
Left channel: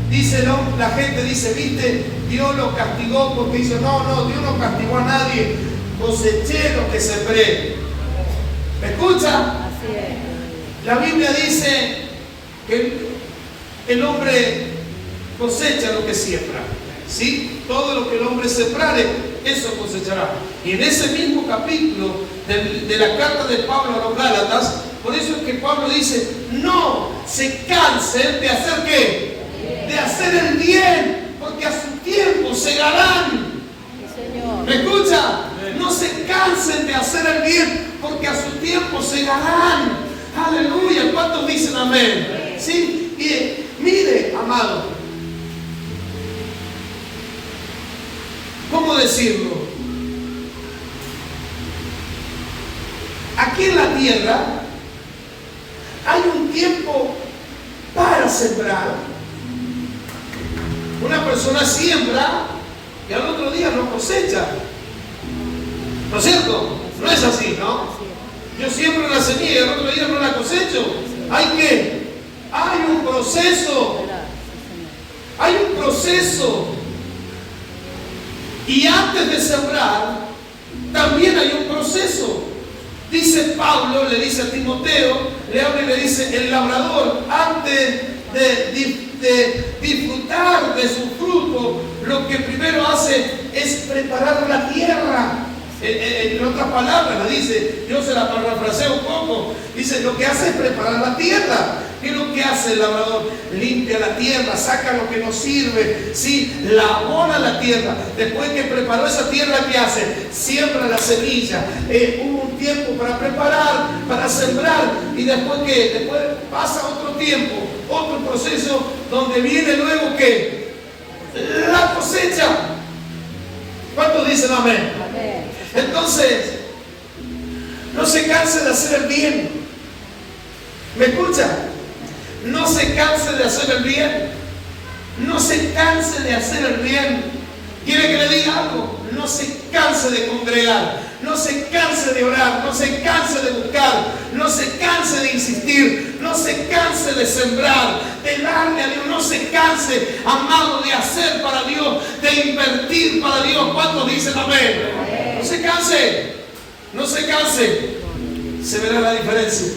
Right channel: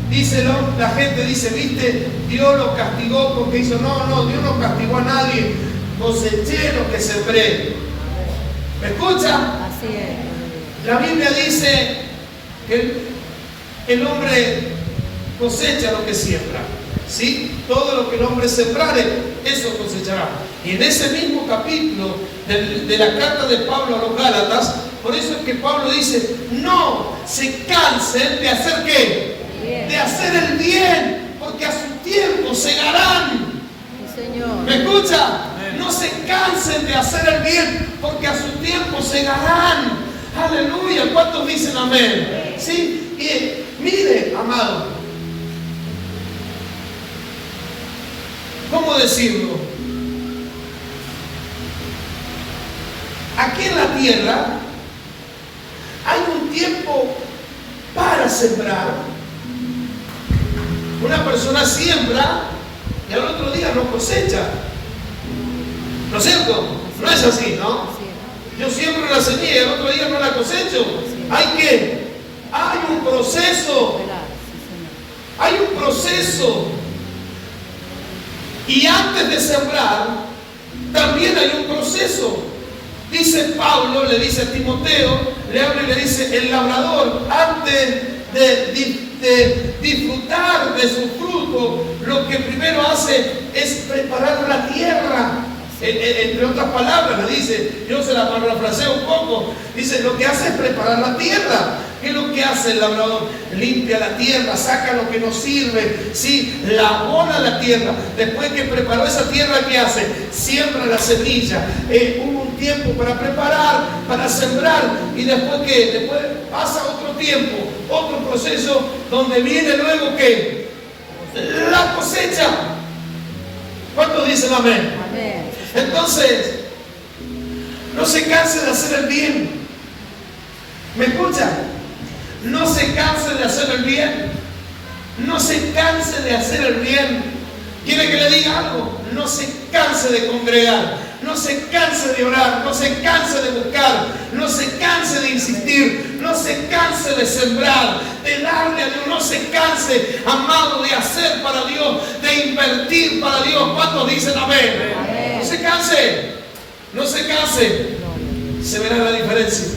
Dice la gente dice, viste, Dios lo castigó porque hizo. No, Dios no castigó a nadie. Coseché lo que sembré. ¿Me escucha? Así es. La Biblia dice que el hombre cosecha lo que siembra. ¿Sí? Todo lo que el hombre sembrare, eso cosechará. Y en ese mismo capítulo de la carta de Pablo a los Gálatas, por eso es que Pablo dice, no se cansen de hacer ¿qué? De hacer el bien, porque a su tiempo segarán. Sí, Señor. ¿Me escucha? No se cansen de hacer el bien, porque a su tiempo segarán. Aleluya. ¿Cuántos dicen amén? ¿Sí? mire, amado, ¿cómo decirlo? Aquí en la tierra hay un tiempo para sembrar. Una persona siembra y al otro día no cosecha. ¿No es cierto? No es así, ¿no? Yo siembro una semilla y al otro día no la cosecho. Hay un proceso. Hay un proceso. Y antes de sembrar, también hay un proceso. Dice Pablo, le dice a Timoteo, le habla y le dice, el labrador, antes de disfrutar de su fruto, lo que primero hace es preparar la tierra. Entre otras palabras, le dice, yo se la parafraseo un poco, dice, lo que hace es preparar la tierra. ¿Qué es lo que hace el labrador? Limpia la tierra, saca lo que no sirve, ¿sí? La abona la tierra. Después que preparó esa tierra, ¿qué hace? Siembra la semilla. Hubo un tiempo para preparar, para sembrar, y después ¿qué? Después pasa otro tiempo, otro proceso, donde viene luego ¿qué? La cosecha. ¿Cuántos dicen amén? Amén. Entonces, no se canse de hacer el bien. ¿Me escucha? No se canse de hacer el bien. No se canse de hacer el bien. ¿Quiere que le diga algo? No se canse de congregar. No se canse de orar. No se canse de buscar. No se canse de insistir. No se canse de sembrar, de darle a Dios. No se canse, amado, de hacer para Dios, de invertir para Dios. ¿Cuántos dicen amén? No se canse. No se canse. Se verá la diferencia.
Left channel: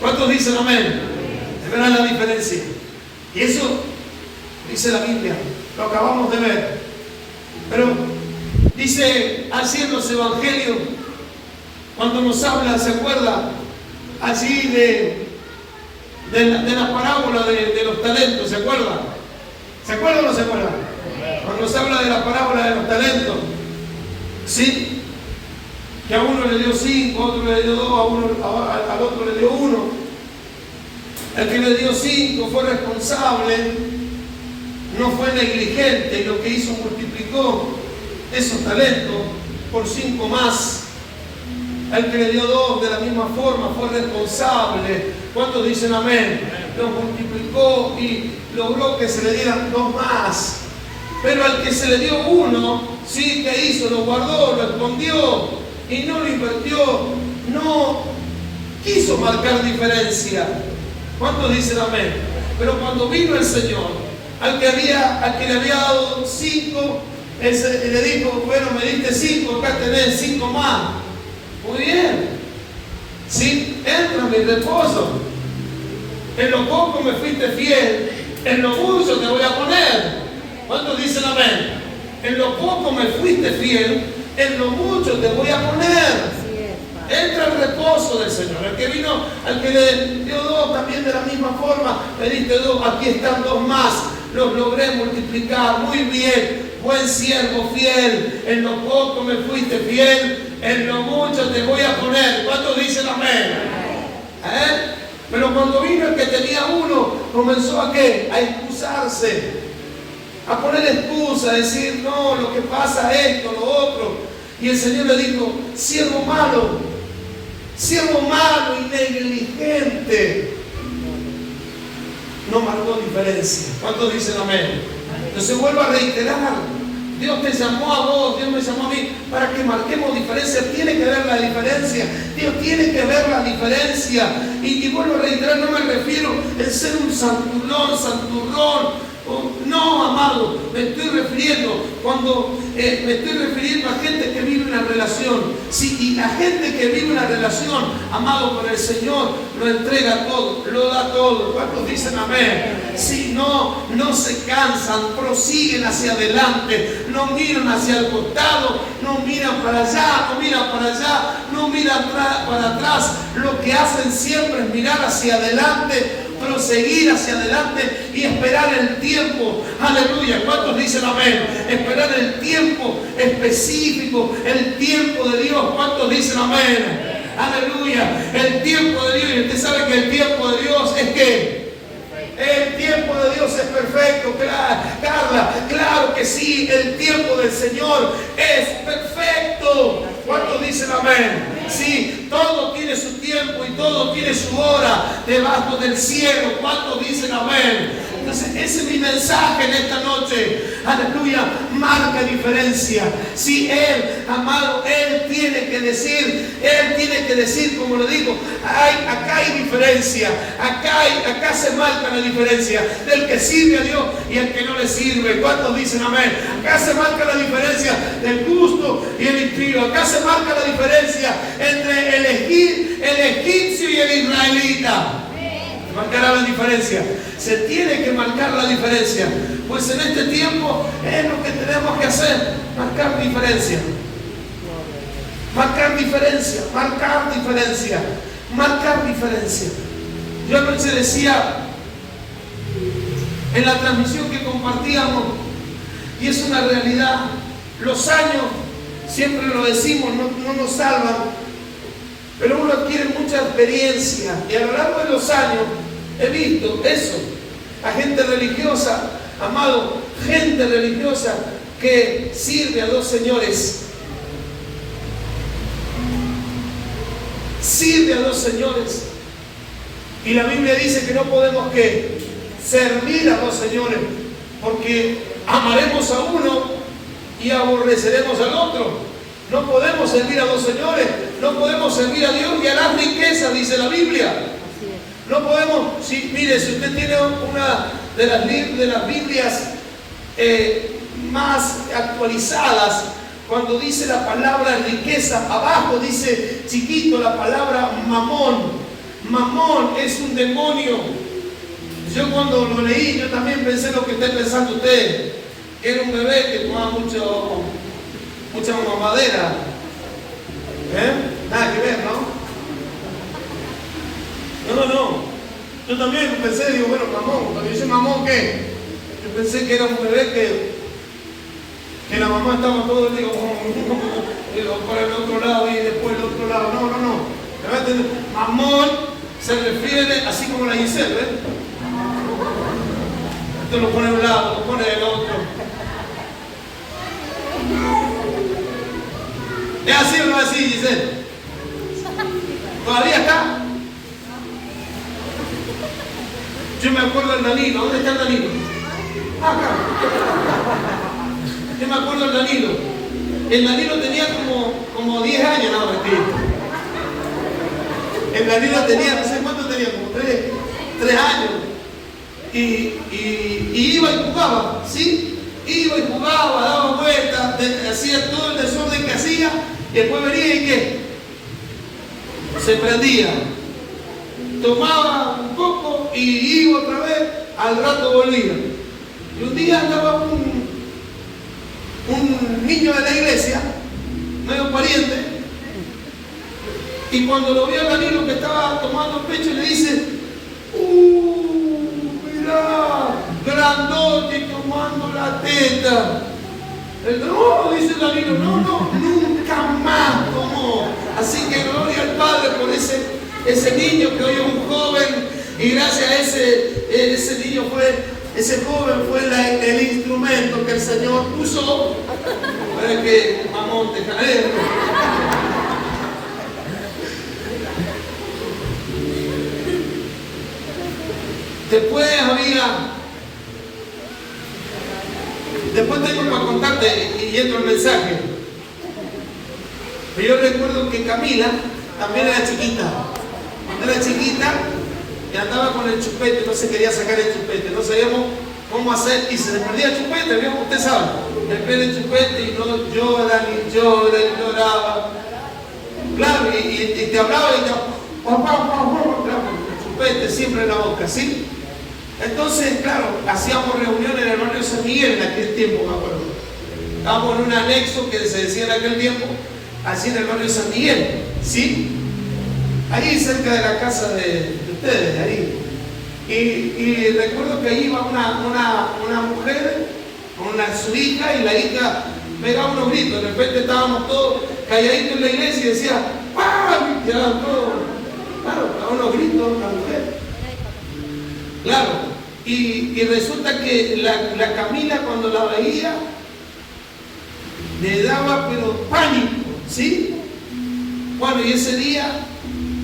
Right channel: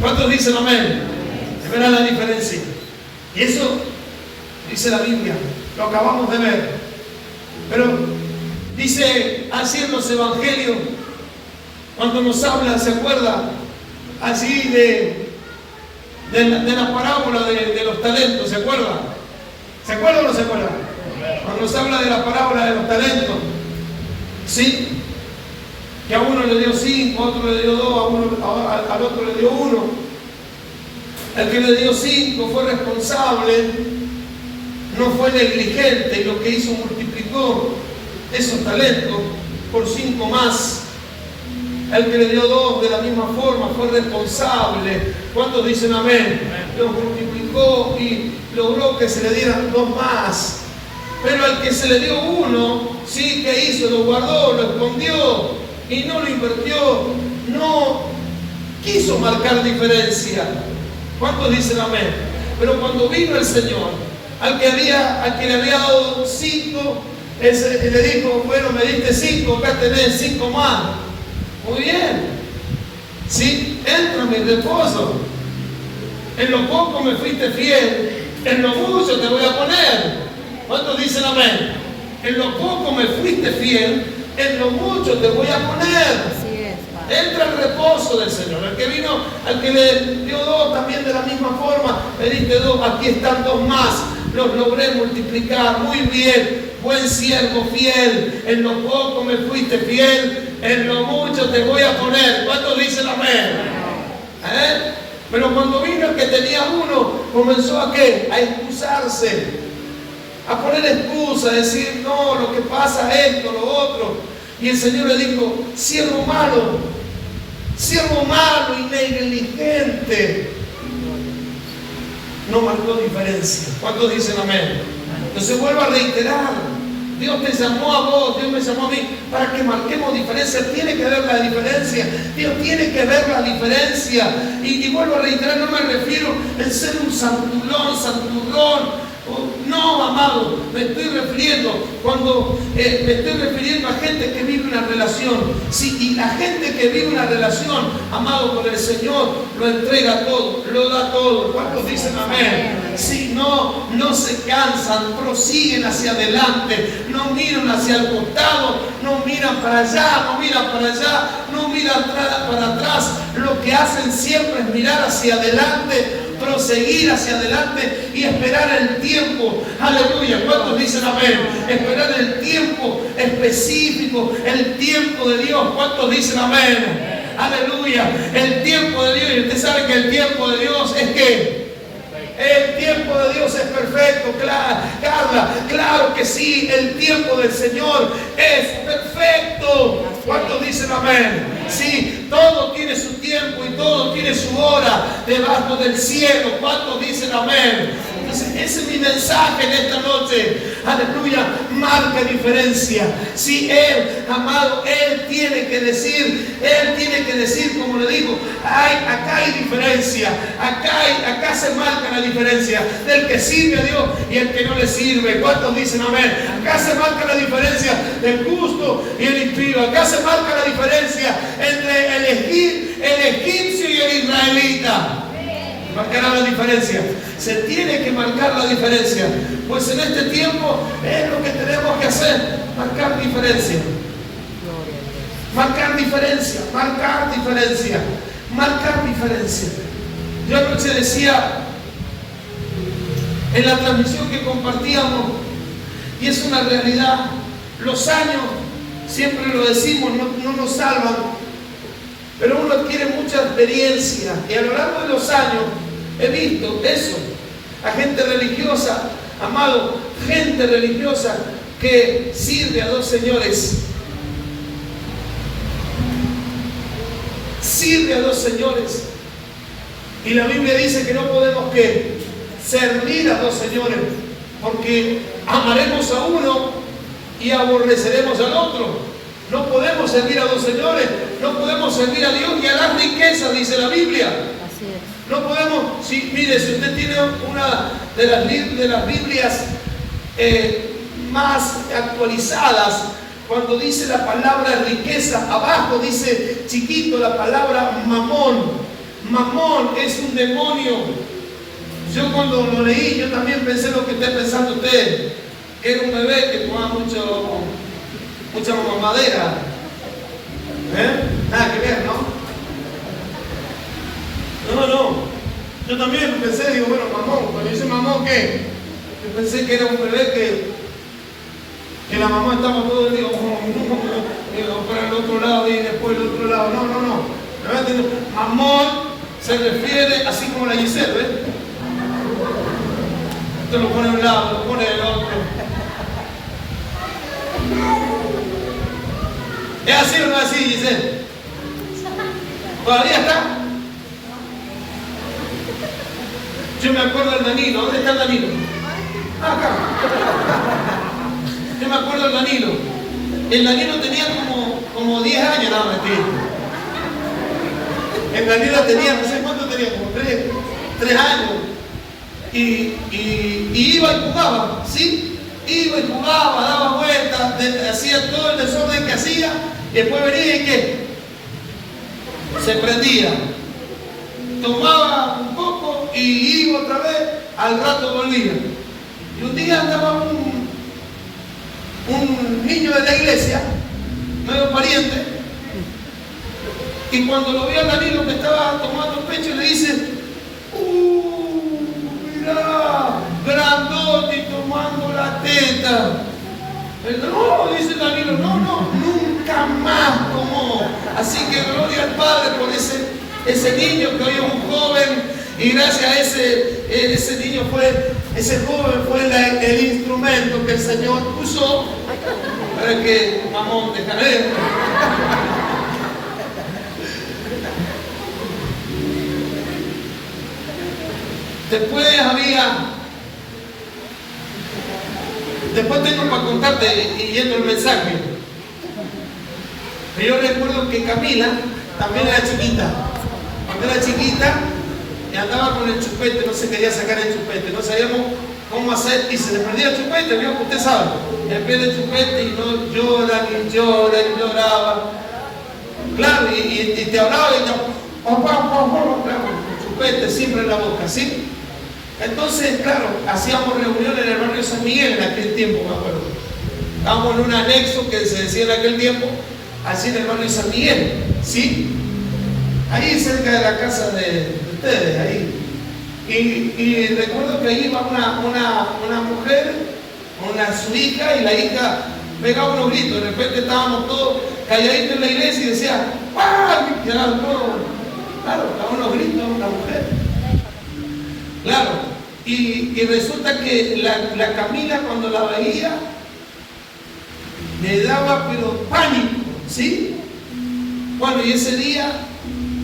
¿Cuántos dicen amén? Se verá la diferencia. Y eso dice la Biblia, lo acabamos de ver. Pero dice así en los evangelios, cuando nos habla, ¿se acuerda? Así de la parábola de los talentos, ¿se acuerda? ¿Se acuerda o no se acuerda? Cuando nos habla de la parábola de los talentos, ¿sí? Que a uno le dio 5, a otro le dio 2, al otro le dio 1. El que le dio 5 fue responsable, no fue negligente, y lo que hizo multiplicó esos talentos por 5 más. El que le dio 2 de la misma forma fue responsable. ¿Cuántos dicen amén? Los multiplicó y logró que se le dieran 2 más. Pero al que se le dio 1, sí, ¿qué hizo? Lo guardó, lo escondió y no lo invirtió. No quiso marcar diferencia. ¿Cuántos dicen amén? Pero cuando vino el Señor, al que le había dado 5, le dijo, bueno, me diste 5, acá tenés 5 más. Muy bien. Sí, entra en mi reposo. En lo poco me fuiste fiel, en lo mucho te voy a poner. ¿Cuántos dicen amén? En lo poco me fuiste fiel, en lo mucho te voy a poner. Entra al reposo del Señor. El que vino, al que le dio 2 también de la misma forma, le diste 2, aquí están 2 más, los logré multiplicar. Muy bien, buen siervo fiel, en lo poco me fuiste fiel, en lo mucho te voy a poner. ¿Cuántos dicen amén? Pero cuando vino el que tenía 1, comenzó a ¿qué? A excusarse, a poner excusa, a decir, no, lo que pasa es esto, lo otro. Y el Señor le dijo, siervo malo y negligente. No marcó diferencia. ¿Cuántos dicen amén? Entonces vuelvo a reiterar, Dios te llamó a vos, Dios me llamó a mí para que marquemos diferencia. Tiene que ver la diferencia. Dios tiene que ver la diferencia. Y vuelvo a reiterar, no me refiero en ser un santurrón. No, amado, me estoy refiriendo a gente que vive una relación. Sí, y la gente que vive una relación, amado, con el Señor, lo entrega todo, lo da todo. ¿Cuántos dicen amén? Sí, no se cansan, prosiguen hacia adelante, no miran hacia el costado, no miran para allá, no miran para atrás. Lo que hacen siempre es mirar hacia adelante, proseguir hacia adelante y esperar el tiempo. Aleluya. ¿Cuántos dicen amén? Esperar el tiempo específico, el tiempo de Dios. ¿Cuántos dicen amén? Aleluya. El tiempo de Dios. Y usted sabe que el tiempo de Dios es ¿qué? tiempo de Dios es perfecto, Carla, claro que sí, el tiempo del Señor es perfecto. ¿Cuántos dicen amén? Sí, todo tiene su tiempo y todo tiene su hora debajo del cielo. ¿Cuántos dicen amén? Entonces, ese es mi mensaje en esta noche. Aleluya, marca diferencia. Si Él, amado, Él tiene que decir, como le digo, acá hay diferencia. Acá se marca la diferencia del que sirve a Dios y el que no le sirve. ¿Cuántos dicen amén? Acá se marca la diferencia del justo y el impío. Acá se marca la diferencia entre el egipcio y el israelita. Marcará la diferencia. Se tiene que marcar la diferencia. Pues en este tiempo es lo que tenemos que hacer. Marcar diferencia. Marcar diferencia. Marcar diferencia. Marcar diferencia. Yo anoche decía en la transmisión que compartíamos, y es una realidad, los años, siempre lo decimos, no nos salvan. Pero uno adquiere mucha experiencia y a lo largo de los años he visto eso, a gente religiosa, amado, gente religiosa que sirve a dos señores. Sirve a dos señores. Y la Biblia dice que no podemos servir a dos señores, porque amaremos a uno y aborreceremos al otro. No podemos servir a dos señores, no podemos servir a Dios y a las riquezas, dice la Biblia. No podemos, mire, si usted tiene una de las Biblias más actualizadas, cuando dice la palabra riqueza, abajo dice chiquito la palabra mamón. Mamón es un demonio. Yo cuando lo leí, yo también pensé lo que está pensando usted, que era un bebé que tomaba mucha mamadera. Nada que ver, ¿no? No. Yo también pensé, digo, bueno, mamón. Cuando dice mamón, ¿qué? Yo pensé que era un bebé que la mamá estaba todo el día para el otro lado y después el otro lado. No. Mamón se refiere así como la Giselle, ¿ves? Esto lo pone a un lado, lo pone del otro. ¿Es así o no así, Giselle? ¿Todavía está? Yo me acuerdo del Danilo. ¿Dónde está el Danilo? Acá. Yo me acuerdo del Danilo. El Danilo tenía como 10 años, no, mentira. El Danilo tenía, no sé cuánto tenía, como 3 años. Y iba y jugaba, ¿sí? Iba y jugaba, daba vueltas, hacía todo el desorden que hacía, y después venía y ¿qué? Se prendía. Tomaba un poco y iba otra vez, al rato volvía. Y un día andaba un niño de la iglesia, medio pariente, y cuando lo vio a Danilo que estaba tomando pecho, le dice, mirá, grandote y tomando la teta. No, dice Danilo, no, nunca más tomó. Así que gloria al Padre por ese niño que hoy es un joven, y gracias a ese niño ese joven fue el instrumento que el Señor usó para que mamón te caer. Después tengo para contarte y yendo el mensaje. Pero yo recuerdo que Camila también era chiquita. Cuando era chiquita, y andaba con el chupete, no se quería sacar el chupete, no sabíamos cómo hacer, y se le perdía el chupete, ¿vio? Usted sabe, le pierde el chupete y no llora, ni lloraba. Claro, y te hablaba y yo, el chupete siempre en la boca, ¿sí? Entonces, claro, hacíamos reuniones en el barrio San Miguel en aquel tiempo, me acuerdo. Estábamos en un anexo que se decía en aquel tiempo, así en el barrio San Miguel, ¿sí? Ahí cerca de la casa de ustedes, ahí. Y recuerdo que ahí iba una mujer con su hija, y la hija pegaba unos gritos. De repente estábamos todos calladitos en la iglesia y decía, ¡pam! Y quedaban todos, claro, pegaban unos gritos la mujer. Claro, Y resulta que la Camila, cuando la veía, le daba pero pánico, ¿sí? Bueno, y ese día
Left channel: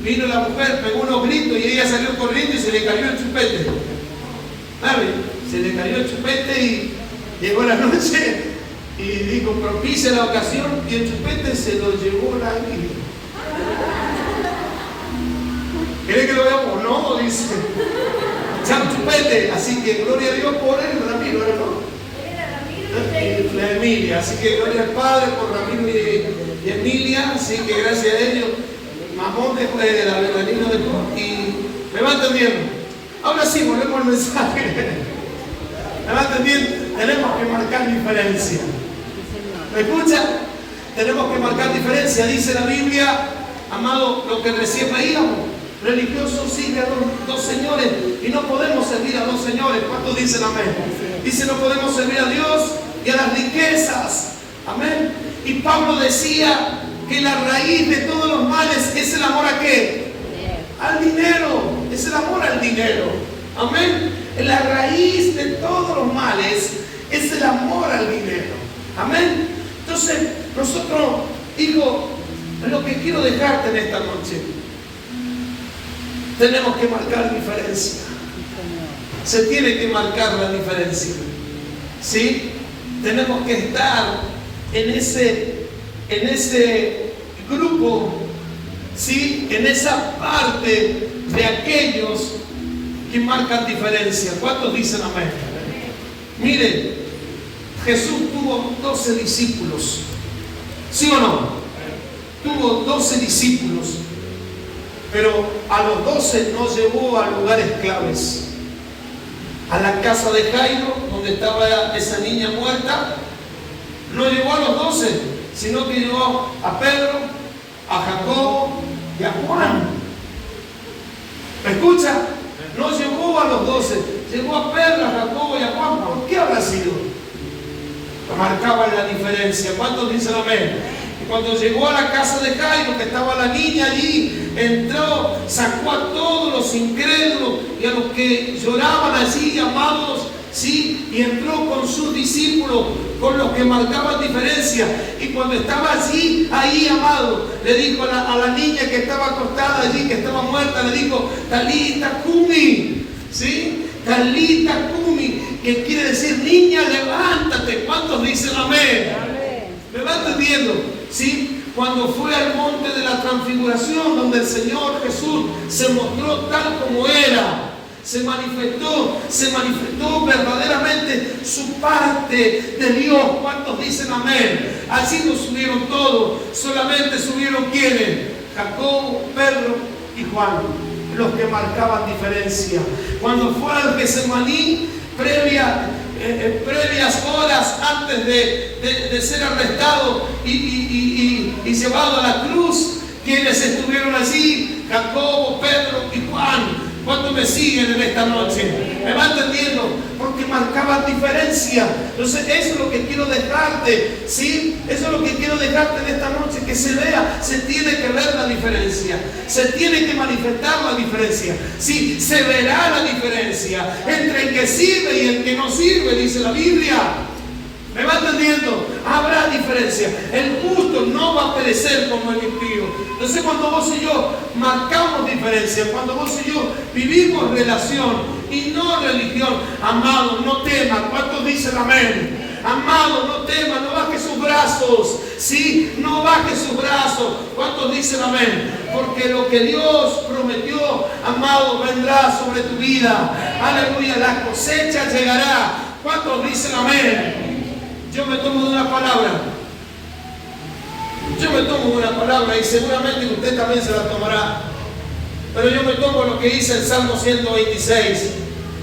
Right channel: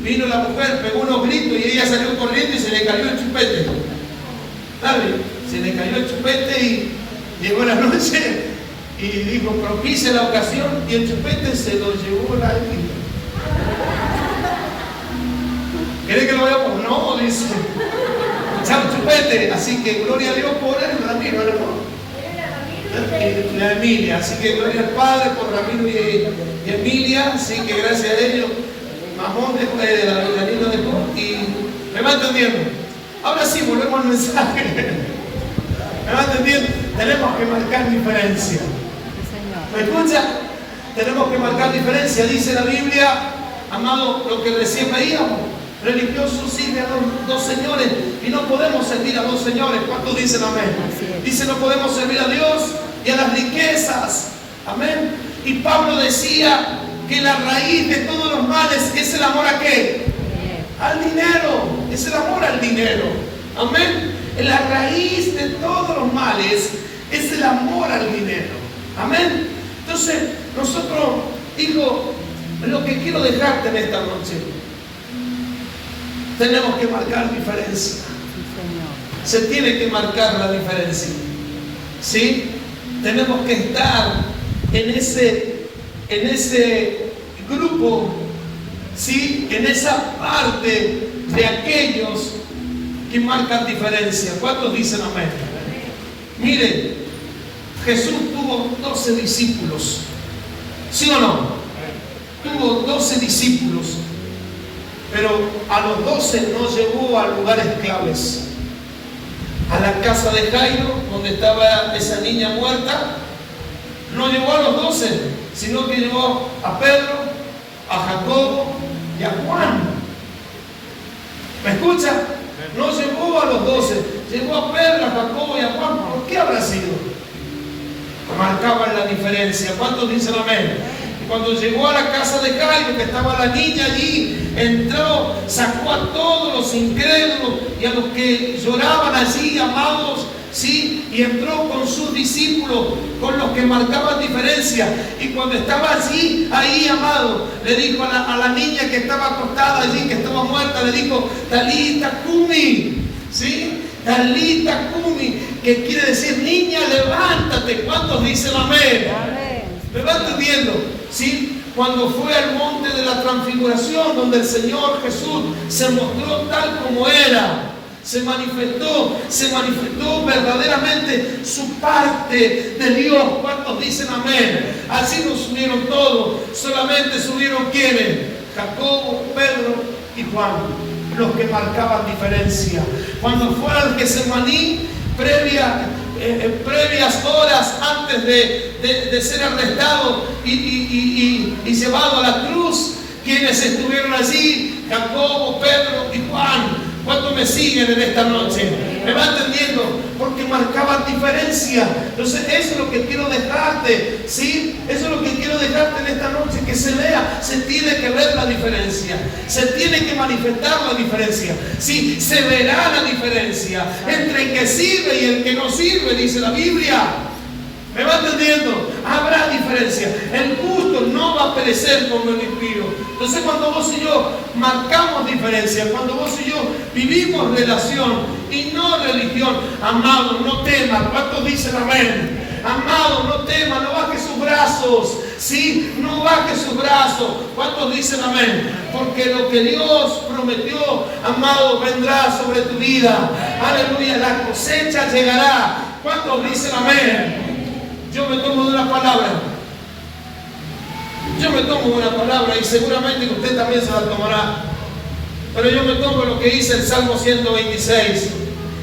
vino la mujer, pegó unos gritos y ella salió corriendo y se le cayó el chupete. ¿Sabe? Se le cayó el chupete y llegó la noche y dijo, propicia la ocasión, y el chupete se lo llevó la Emilia. ¿Quiere que lo veamos? No, dice. Chao chupete, así que gloria a Dios por el Ramiro, ¿no? La Emilia, así que gloria al Padre por Ramiro y Emilia, así que gracias a ellos, Mamón después de Danilo dejó y me va entendiendo. Ahora sí, volvemos al mensaje. ¿Me va entendiendo? Tenemos que marcar diferencia. ¿Me escucha? Tenemos que marcar diferencia. Dice la Biblia, amado, lo que recién veíamos. Religioso sigue a dos señores y no podemos servir a dos señores. ¿Cuántos dicen amén? Dice, no podemos servir a Dios y a las riquezas. Amén. Y Pablo decía que la raíz de todos los males es el amor a ¿qué? Al dinero. Es el amor al dinero. Amén. La raíz de todos los males es el amor al dinero. Amén. Entonces, nosotros, hijo, lo que quiero dejarte en esta noche, tenemos que marcar diferencia. Se tiene que marcar la diferencia. ¿Sí? Tenemos que estar en ese grupo, ¿sí? En esa parte de aquellos que marcan diferencia. ¿Cuántos dicen amén? Miren, Jesús tuvo 12 discípulos. ¿Sí o no? Tuvo 12 discípulos. Pero a los 12 no llevó a lugares claves. A la casa de Jairo, donde estaba esa niña muerta, no llevó a los 12, sino que llevó a Pedro, a Jacobo y a Juan. ¿Me escucha? No llevó a los 12, llevó a Pedro, a Jacobo y a Juan. ¿Por qué habrá sido? Marcaban la diferencia. ¿Cuántos dicen amén? Cuando llegó a la casa de Jairo, que estaba la niña allí, entró, sacó a todos los incrédulos y a los que lloraban allí, amados, ¿sí? Y entró con sus discípulos, con los que marcaban diferencia. Y cuando estaba allí, ahí, amado, le dijo a la niña que estaba acostada allí, que estaba muerta, le dijo, Talita Kumi, ¿sí? Talita Kumi, que quiere decir, niña, levántate. ¿Cuántos dicen amén? ¿Me va entendiendo? ¿Sí? Cuando fue al monte de la transfiguración, donde el Señor Jesús se mostró tal como era, se manifestó verdaderamente su parte de Dios. ¿Cuántos dicen amén? Así no subieron todos, solamente subieron ¿quiénes? Jacobo, Pedro y Juan, los que marcaban diferencia. Cuando fue al Getsemaní, previas horas antes de ser arrestado y llevado a la cruz, quienes estuvieron allí, Jacobo, Pedro y Juan. ¿Cuántos me siguen en esta noche? ¿Me va entendiendo? Porque marcaban diferencia. Entonces eso es lo que quiero dejarte, ¿sí? Eso es lo que quiero dejarte en esta noche, que se vea, se tiene que ver la diferencia, se tiene que manifestar la diferencia, ¿sí? Se verá la diferencia entre el que sirve y el que no sirve, dice la Biblia. ¿Me va entendiendo? Habrá diferencia. El justo no va a perecer como el impío. Entonces cuando vos y yo marcamos diferencia, cuando vos y yo vivimos relación y no religión, amado, no temas. ¿Cuántos dicen amén? Amado, no temas, no bajes sus brazos. Sí, no bajes sus brazos. ¿Cuántos dicen amén? Porque lo que Dios prometió, amado, vendrá sobre tu vida. Aleluya, la cosecha llegará. ¿Cuántos dicen amén? Yo me tomo de una palabra. Yo me tomo de una palabra y seguramente usted también se la tomará. Pero yo me tomo lo que dice el Salmo 126.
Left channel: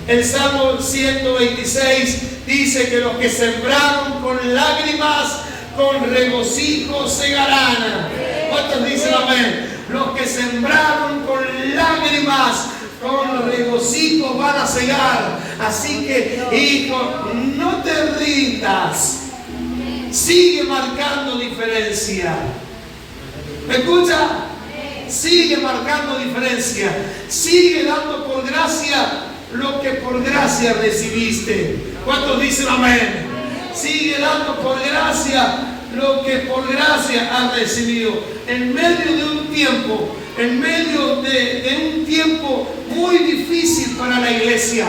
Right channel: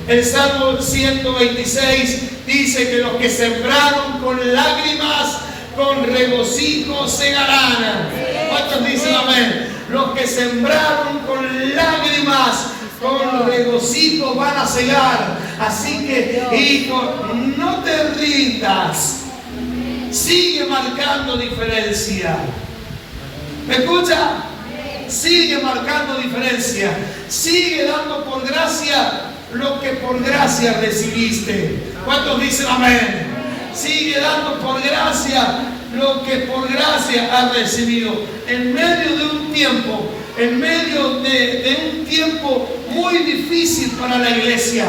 El Salmo 126 dice que los que sembraron con lágrimas, con regocijo segarán. ¿Cuántos dicen amén? Los que sembraron con lágrimas, con regocijo van a cegar. Así que, hijo, no te rindas. Sigue marcando diferencia. ¿Me escucha? Sigue marcando diferencia. Sigue dando por gracia lo que por gracia recibiste. ¿Cuántos dicen amén? Sigue dando por gracia lo que por gracia has recibido. En medio de un tiempo, en medio de un tiempo muy difícil para la iglesia.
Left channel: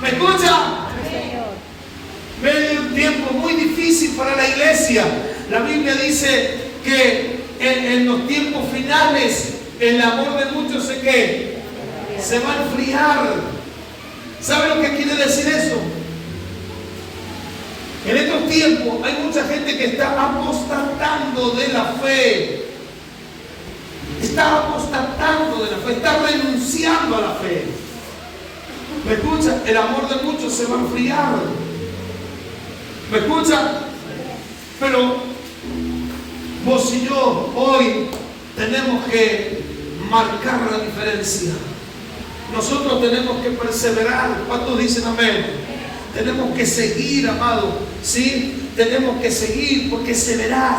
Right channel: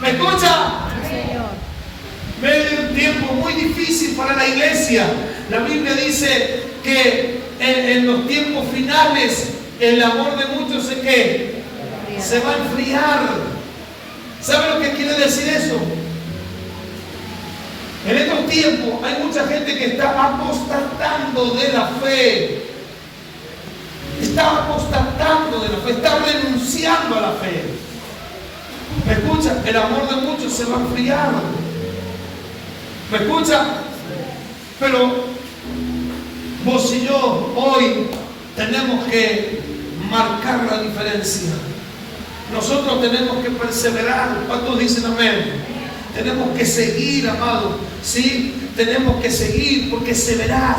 ¿Me escucha? Sí, Señor. Medio de un tiempo muy difícil para la iglesia. La Biblia dice que en los tiempos finales el amor de muchos se va a enfriar. ¿Sabe lo que quiere decir eso? En estos tiempos hay mucha gente que está apostatando de la fe. Está apostatando de la fe, está renunciando a la fe. ¿Me escucha? El amor de muchos se va a enfriar. ¿Me escucha? Pero vos y yo hoy tenemos que marcar la diferencia. Nosotros tenemos que perseverar. ¿Cuántos dicen amén? Tenemos que seguir, amado. ¿Sí? Tenemos que seguir porque se verá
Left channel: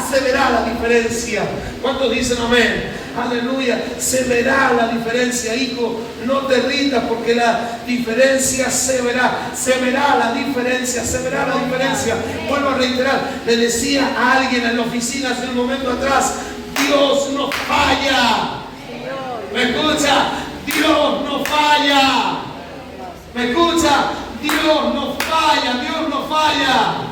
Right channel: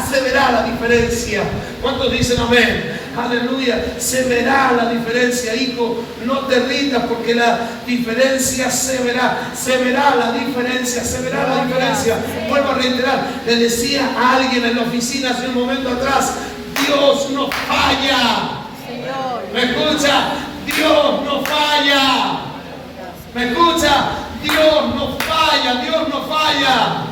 la diferencia. ¿Cuántos dicen amén? Aleluya. Se verá la diferencia, hijo. No te rindas porque la diferencia se verá. Se verá la diferencia. Se verá la diferencia. Vuelvo a reiterar. Le decía a alguien en la oficina hace un momento atrás: Dios no falla. ¿Me escucha? Dios no falla. ¿Me escucha? Dios no falla, Dios no falla.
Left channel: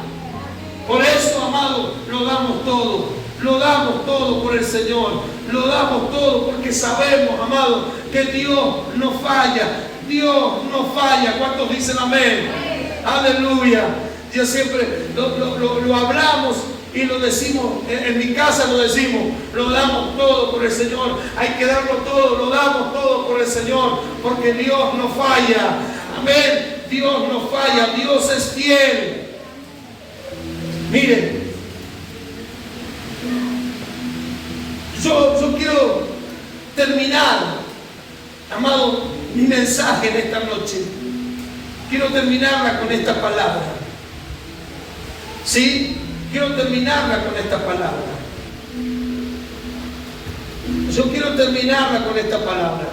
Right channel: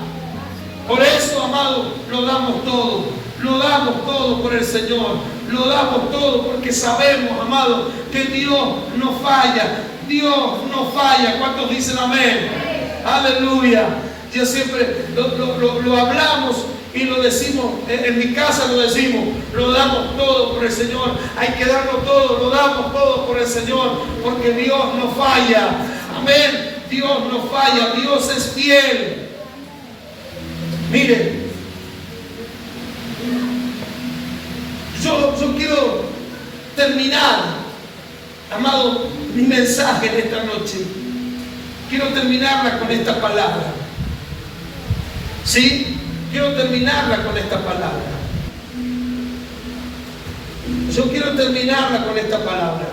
Por eso, amado, lo damos todo por el Señor, lo damos todo porque sabemos, amado, que Dios no falla, Dios no falla. ¿Cuántos dicen amén? Aleluya. Yo siempre lo hablamos y lo decimos, en mi casa lo decimos, lo damos todo por el Señor. Hay que darlo todo, lo damos todo por el Señor, porque Dios no falla. Amén. Dios no falla, Dios es fiel. Mire, yo quiero terminar, amado, mi mensaje en esta noche. Quiero terminarla con esta palabra. ¿Sí? Quiero terminarla con esta palabra. Yo quiero terminarla con esta palabra.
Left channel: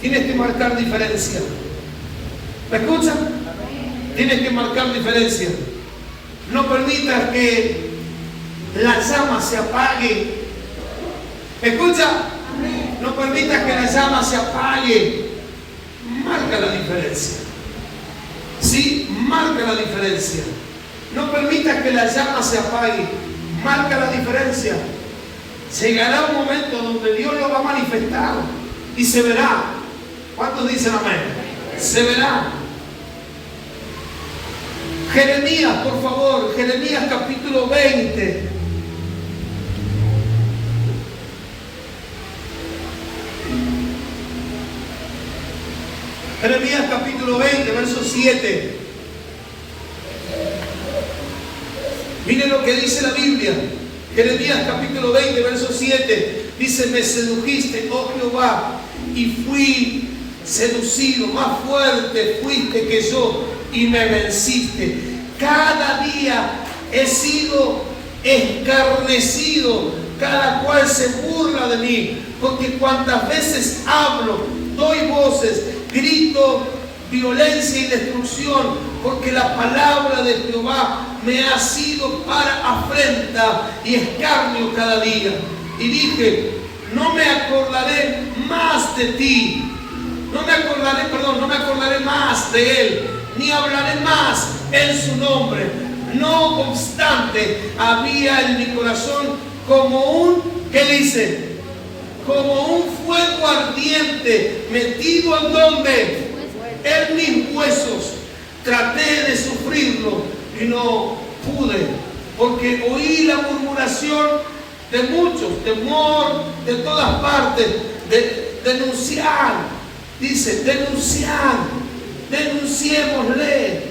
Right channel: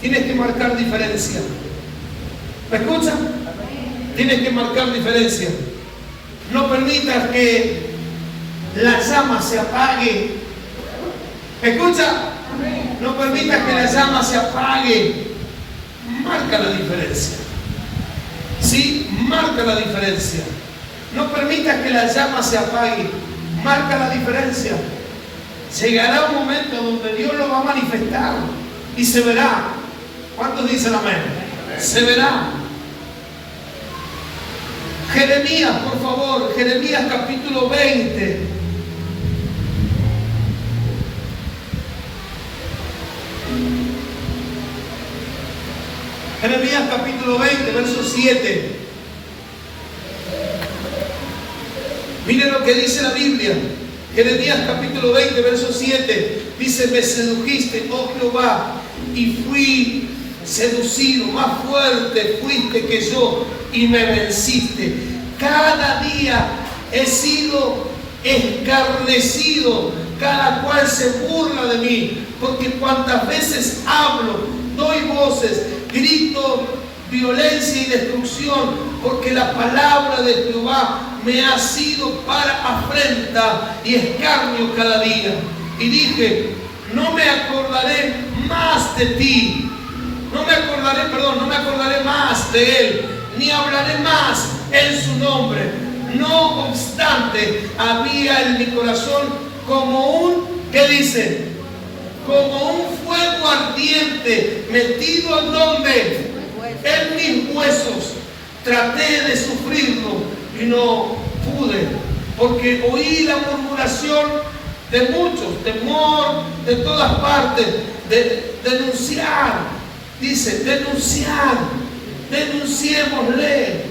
Tienes que marcar diferencia. ¿Me escuchan? Tienes que marcar diferencia. No permitas que la llama se apague. ¿Me escucha? No permitas que la llama se apague. Marca la diferencia. ¿Sí? Marca la diferencia. No permitas que la llama se apague. Marca la diferencia. Llegará un momento donde Dios lo va a manifestar y se verá. ¿Cuántos dicen amén? Se verá. Jeremías, por favor, Jeremías capítulo 20. Jeremías capítulo 20, verso 7. Miren lo que dice la Biblia. Jeremías capítulo 20, verso 7. Dice: me sedujiste, oh Jehová, y fui seducido, más fuerte fuiste que yo y me venciste. Cada día he sido escarnecido, cada cual se burla de mí, porque cuantas veces hablo, doy voces, grito violencia y destrucción, porque la palabra de Jehová me ha sido para afrenta y escarnio cada día. Y dije: no me acordaré más de ti. No me acordaré más de él, ni hablaré más en su nombre. No obstante, había en mi corazón como un, ¿qué dice? Como un fuego ardiente metido en donde, en mis huesos. Traté de sufrirlo y no pude, porque oí la murmuración de muchos, temor de todas partes, de denunciar. Dice: denunciémosle.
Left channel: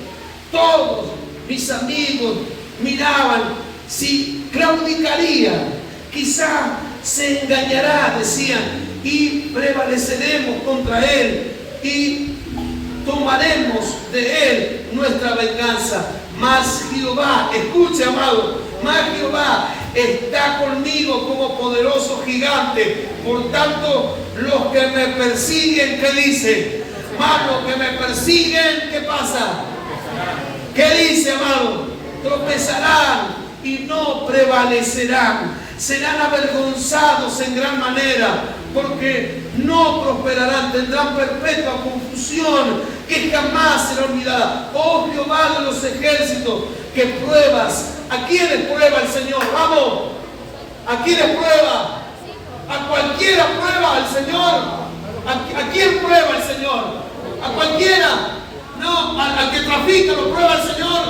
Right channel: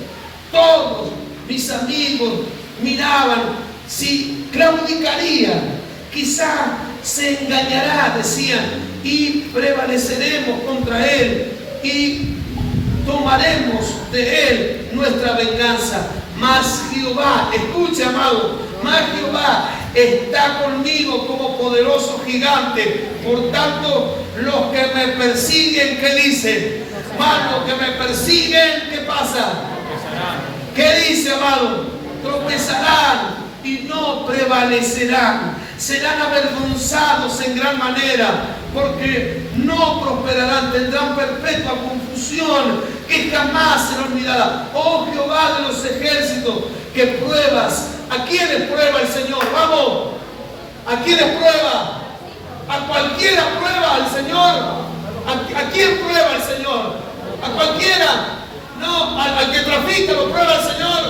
Todos mis amigos miraban si claudicaría, quizá se engañará, decían, y prevaleceremos contra él y tomaremos de él nuestra venganza. Mas Jehová, escuche, amado, mas Jehová está conmigo como poderoso gigante. Por tanto, los que me persiguen, ¿qué dice? Mas los que me persiguen, ¿qué pasa? ¿Qué dice, amado? Tropezarán y no prevalecerán. Serán avergonzados en gran manera, porque no prosperarán, tendrán perpetua confusión que jamás será olvidada. Oh Jehová de los ejércitos, que pruebas. ¿A quiénes prueba el Señor? Vamos. ¿A quiénes prueba? A cualquiera prueba el Señor. ¿A quién prueba el Señor? ¿A cualquiera? No, al que trafica lo prueba el Señor.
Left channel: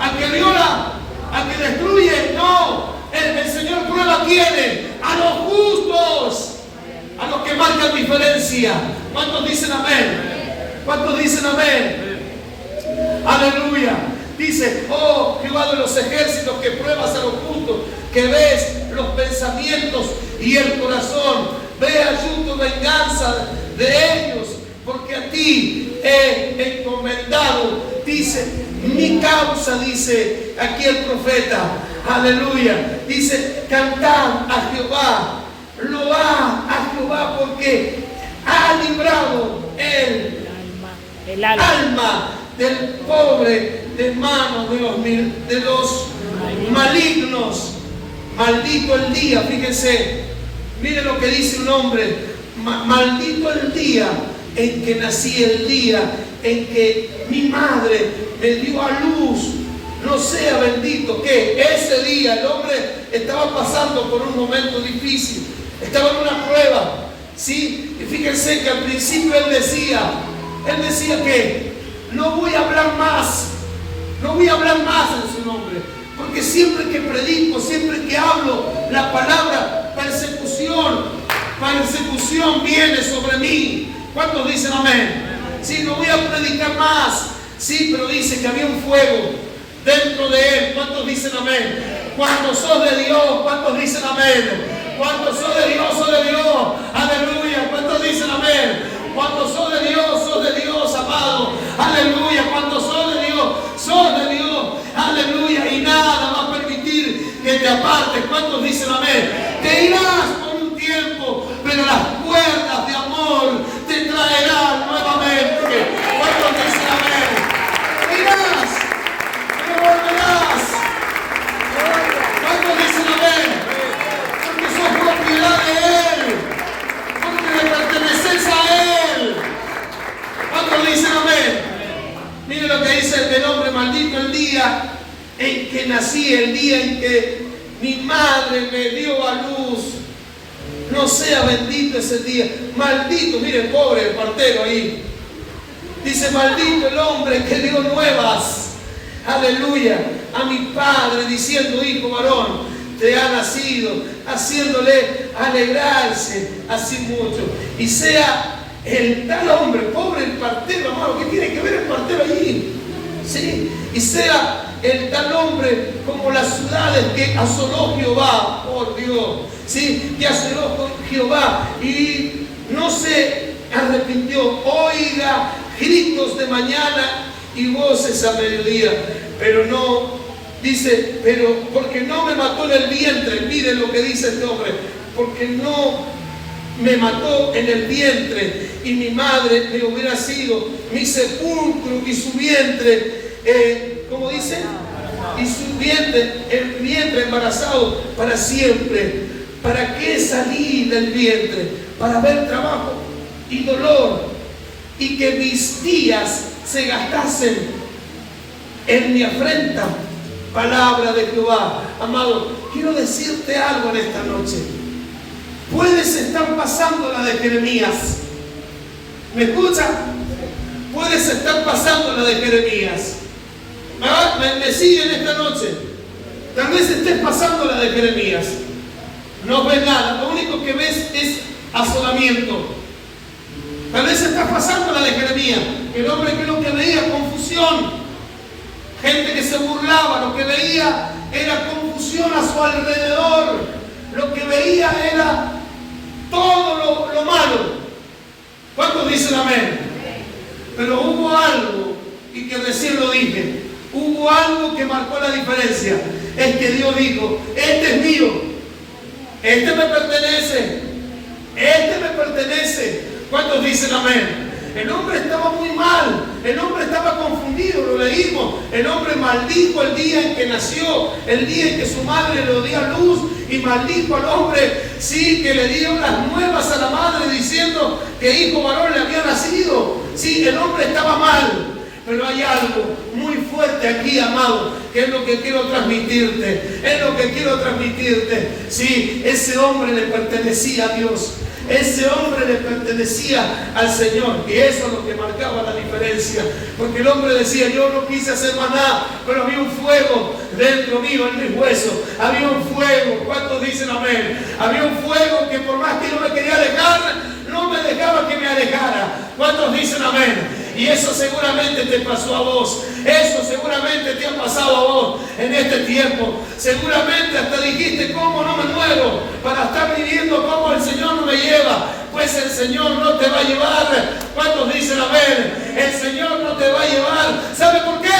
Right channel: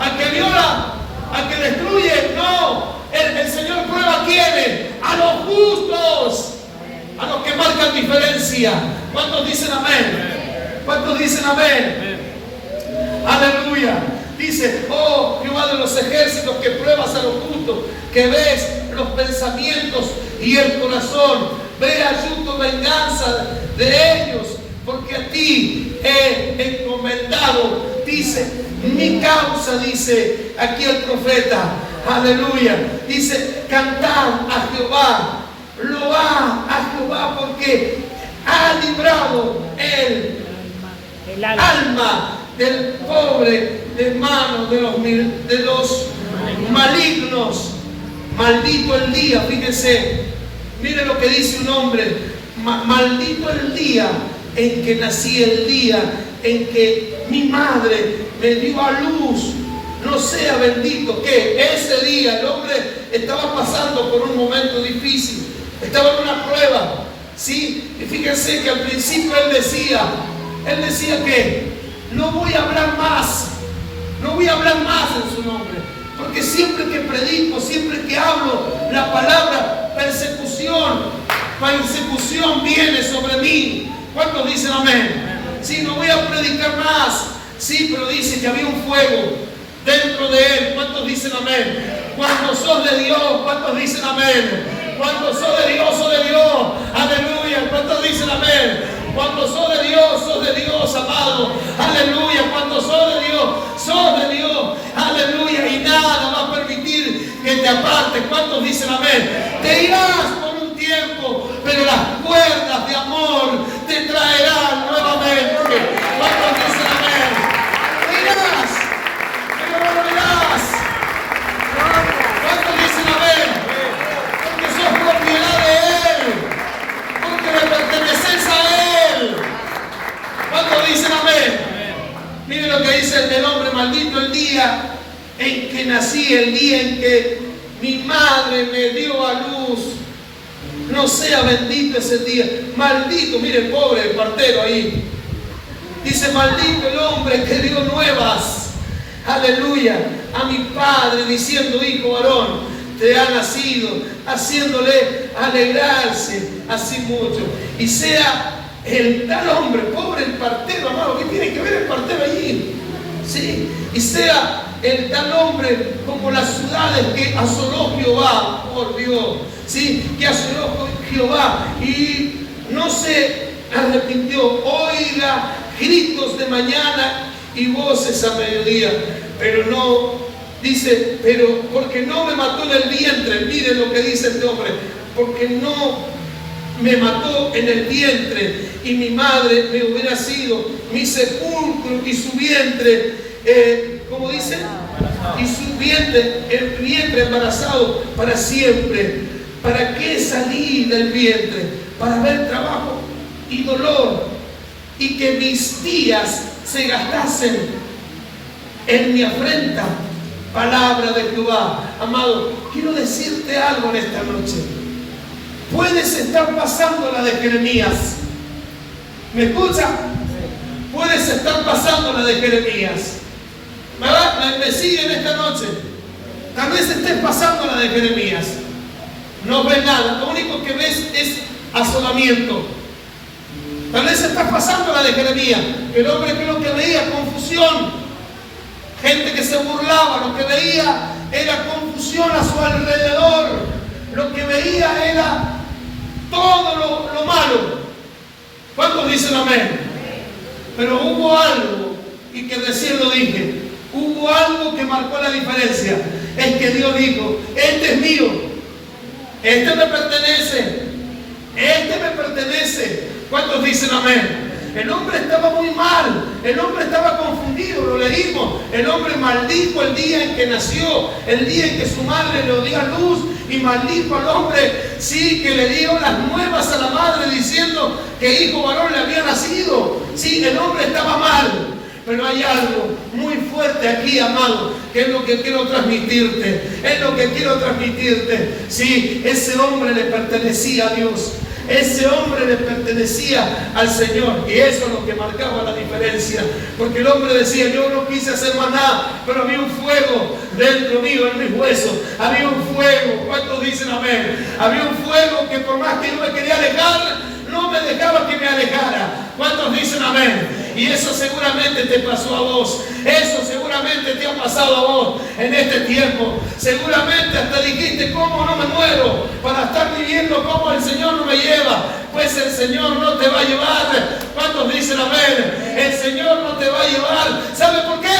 Al que viola, al que destruye, no. El Señor prueba a quiénes, a los justos, a los que marcan diferencia. ¿Cuántos dicen amén? ¿Cuántos dicen amén? Aleluya. Dice, oh Jehová de los ejércitos, que pruebas a los justos, que ves los pensamientos y el corazón. Ve ayuno, venganza de ellos, porque a ti he encomendado. Dice, mi causa, dice aquí el profeta. Aleluya. Dice, cantad a Jehová, load a Jehová, porque ha librado el alma del pobre de manos de los malignos. Maldito el día, fíjense, mire lo que dice un hombre, maldito el día en que nací, el día en que mi madre me dio a luz. No sea bendito que ese día el hombre estaba pasando por un momento difícil, estaba en una prueba, ¿sí? Y fíjense que al principio él decía que no voy a hablar más en su nombre, porque siempre que predico, siempre que hablo la palabra, persecución viene sobre mí. ¿Cuántos dicen amén? Sí, no voy a predicar más. Sí, pero dice que había un fuego dentro de él. ¿Cuántos dicen amén? Cuando sos de Dios, ¿cuántos dicen amén? Cuando sos de Dios, aleluya. ¿Cuántos dicen amén? Cuando sos de Dios, amado, aleluya. Cuando sos de Dios, aleluya. Y nada va a permitir que te apartes. ¿Cuántos dicen amén? Te irás por un tiempo, pero las cuerdas de amor te traerán nuevamente. ¿Cuántos dicen amén? Te irás, pero volverás. ¿Cuántos dicen amén? Porque sos propiedad de Él, porque le perteneces a Él. ¿Cuántos dicen amén? Mire lo que dice el hombre, maldito el día en que nací, el día en que mi madre me dio a luz. No sea bendito ese día. Maldito, mire el pobre el partero ahí. Dice, maldito el hombre que dio nuevas, aleluya, a mi padre, diciendo, hijo varón, te ha nacido, haciéndole alegrarse así mucho. Y sea el tal hombre, pobre el partero, amado, ¿qué tiene que ver el partero allí? ¿Sí? Y sea el tal hombre como las ciudades que asoló Jehová, por Dios, ¿sí? Que asoló Jehová y no se arrepintió. Oiga gritos de mañana y voces a mediodía, pero no, dice, pero porque no me mató en el vientre. Mire lo que dice este hombre, porque no me mató en el vientre, y mi madre me hubiera sido mi sepulcro y su vientre, ¿cómo dice? Y su vientre, el vientre embarazado para siempre. ¿Para qué salí del vientre? Para ver trabajo y dolor, y que mis días se gastasen en mi afrenta. Palabra de Jehová. Amado, quiero decirte algo en esta noche. Puedes estar pasando la de Jeremías. ¿Me escucha? Puedes estar pasando la de Jeremías. ¿Me siguen esta noche? Tal vez estés pasando la de Jeremías. No ves nada, lo único que ves es asolamiento. Tal vez estás pasando la de Jeremías. El hombre creo que veía confusión, gente que se burlaba, lo que veía era confusión a su alrededor, lo que veía era todo lo malo. ¿Cuántos dicen amén? Pero hubo algo, y que recién lo dije, hubo algo que marcó la diferencia. Es que Dios dijo, este es mío, este me pertenece, este me pertenece. ¿Cuántos dicen amén? El hombre estaba muy mal, el hombre estaba confundido, lo leímos. El hombre maldijo el día en que nació, el día en que su madre lo dio a luz, y maldijo al hombre, sí, que le dio las nuevas a la madre diciendo que hijo varón le había nacido. Sí, el hombre estaba mal. Pero hay algo muy fuerte aquí, amado, que es lo que quiero transmitirte. Es lo que quiero transmitirte. Sí, ese hombre le pertenecía a Dios. Ese hombre le pertenecía al Señor. Y eso es lo que marcaba la diferencia. Porque el hombre decía, yo no quise hacer más nada, pero había un fuego dentro mío, en mis huesos. Había un fuego. ¿Cuántos dicen amén? Había un fuego que por más que no me quería alejar, no me dejaba que me alejara. ¿Cuántos dicen amén? Y eso seguramente te pasó a vos. Eso seguramente te ha pasado a vos en este tiempo. Seguramente hasta dijiste, ¿cómo no me muero para estar viviendo como el Señor no me lleva? Pues el Señor no te va a llevar. ¿Cuántos dicen amén? El Señor no te va a llevar. ¿Sabe por qué?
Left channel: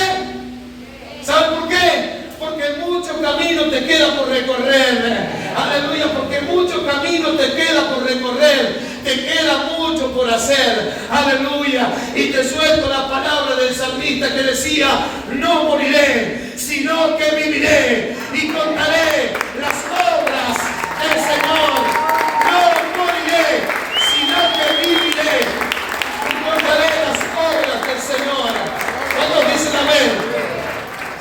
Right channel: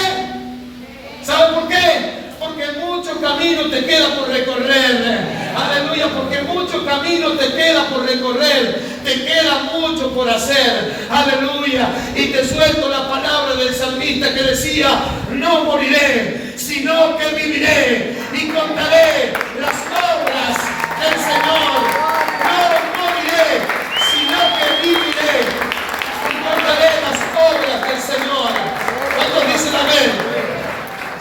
¿Sabe por qué? Porque mucho camino te queda por recorrer. Aleluya, porque mucho camino te queda por recorrer. Te queda mucho por hacer. Aleluya. Y te suelto la palabra del salmista que decía, no moriré, sino que viviré y contaré las obras del Señor. No moriré, sino que viviré y contaré las obras del Señor. ¿Cuántos dicen amén?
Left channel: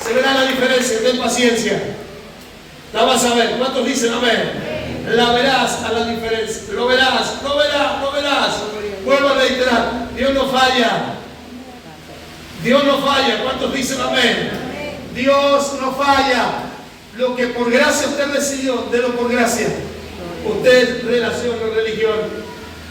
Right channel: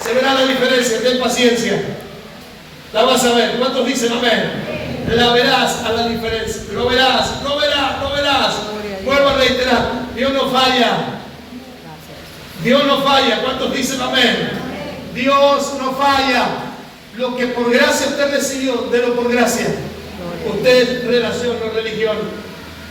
Se verá la diferencia, ten paciencia. La vas a ver. ¿Cuántos dicen amén? La verás a la diferencia. Lo verás, lo verás, lo verás. Vuelvo a reiterar, Dios no falla. Dios no falla. ¿Cuántos dicen amén? Dios no falla. Lo que por gracia usted recibió, délo por gracia. Usted relación con religión.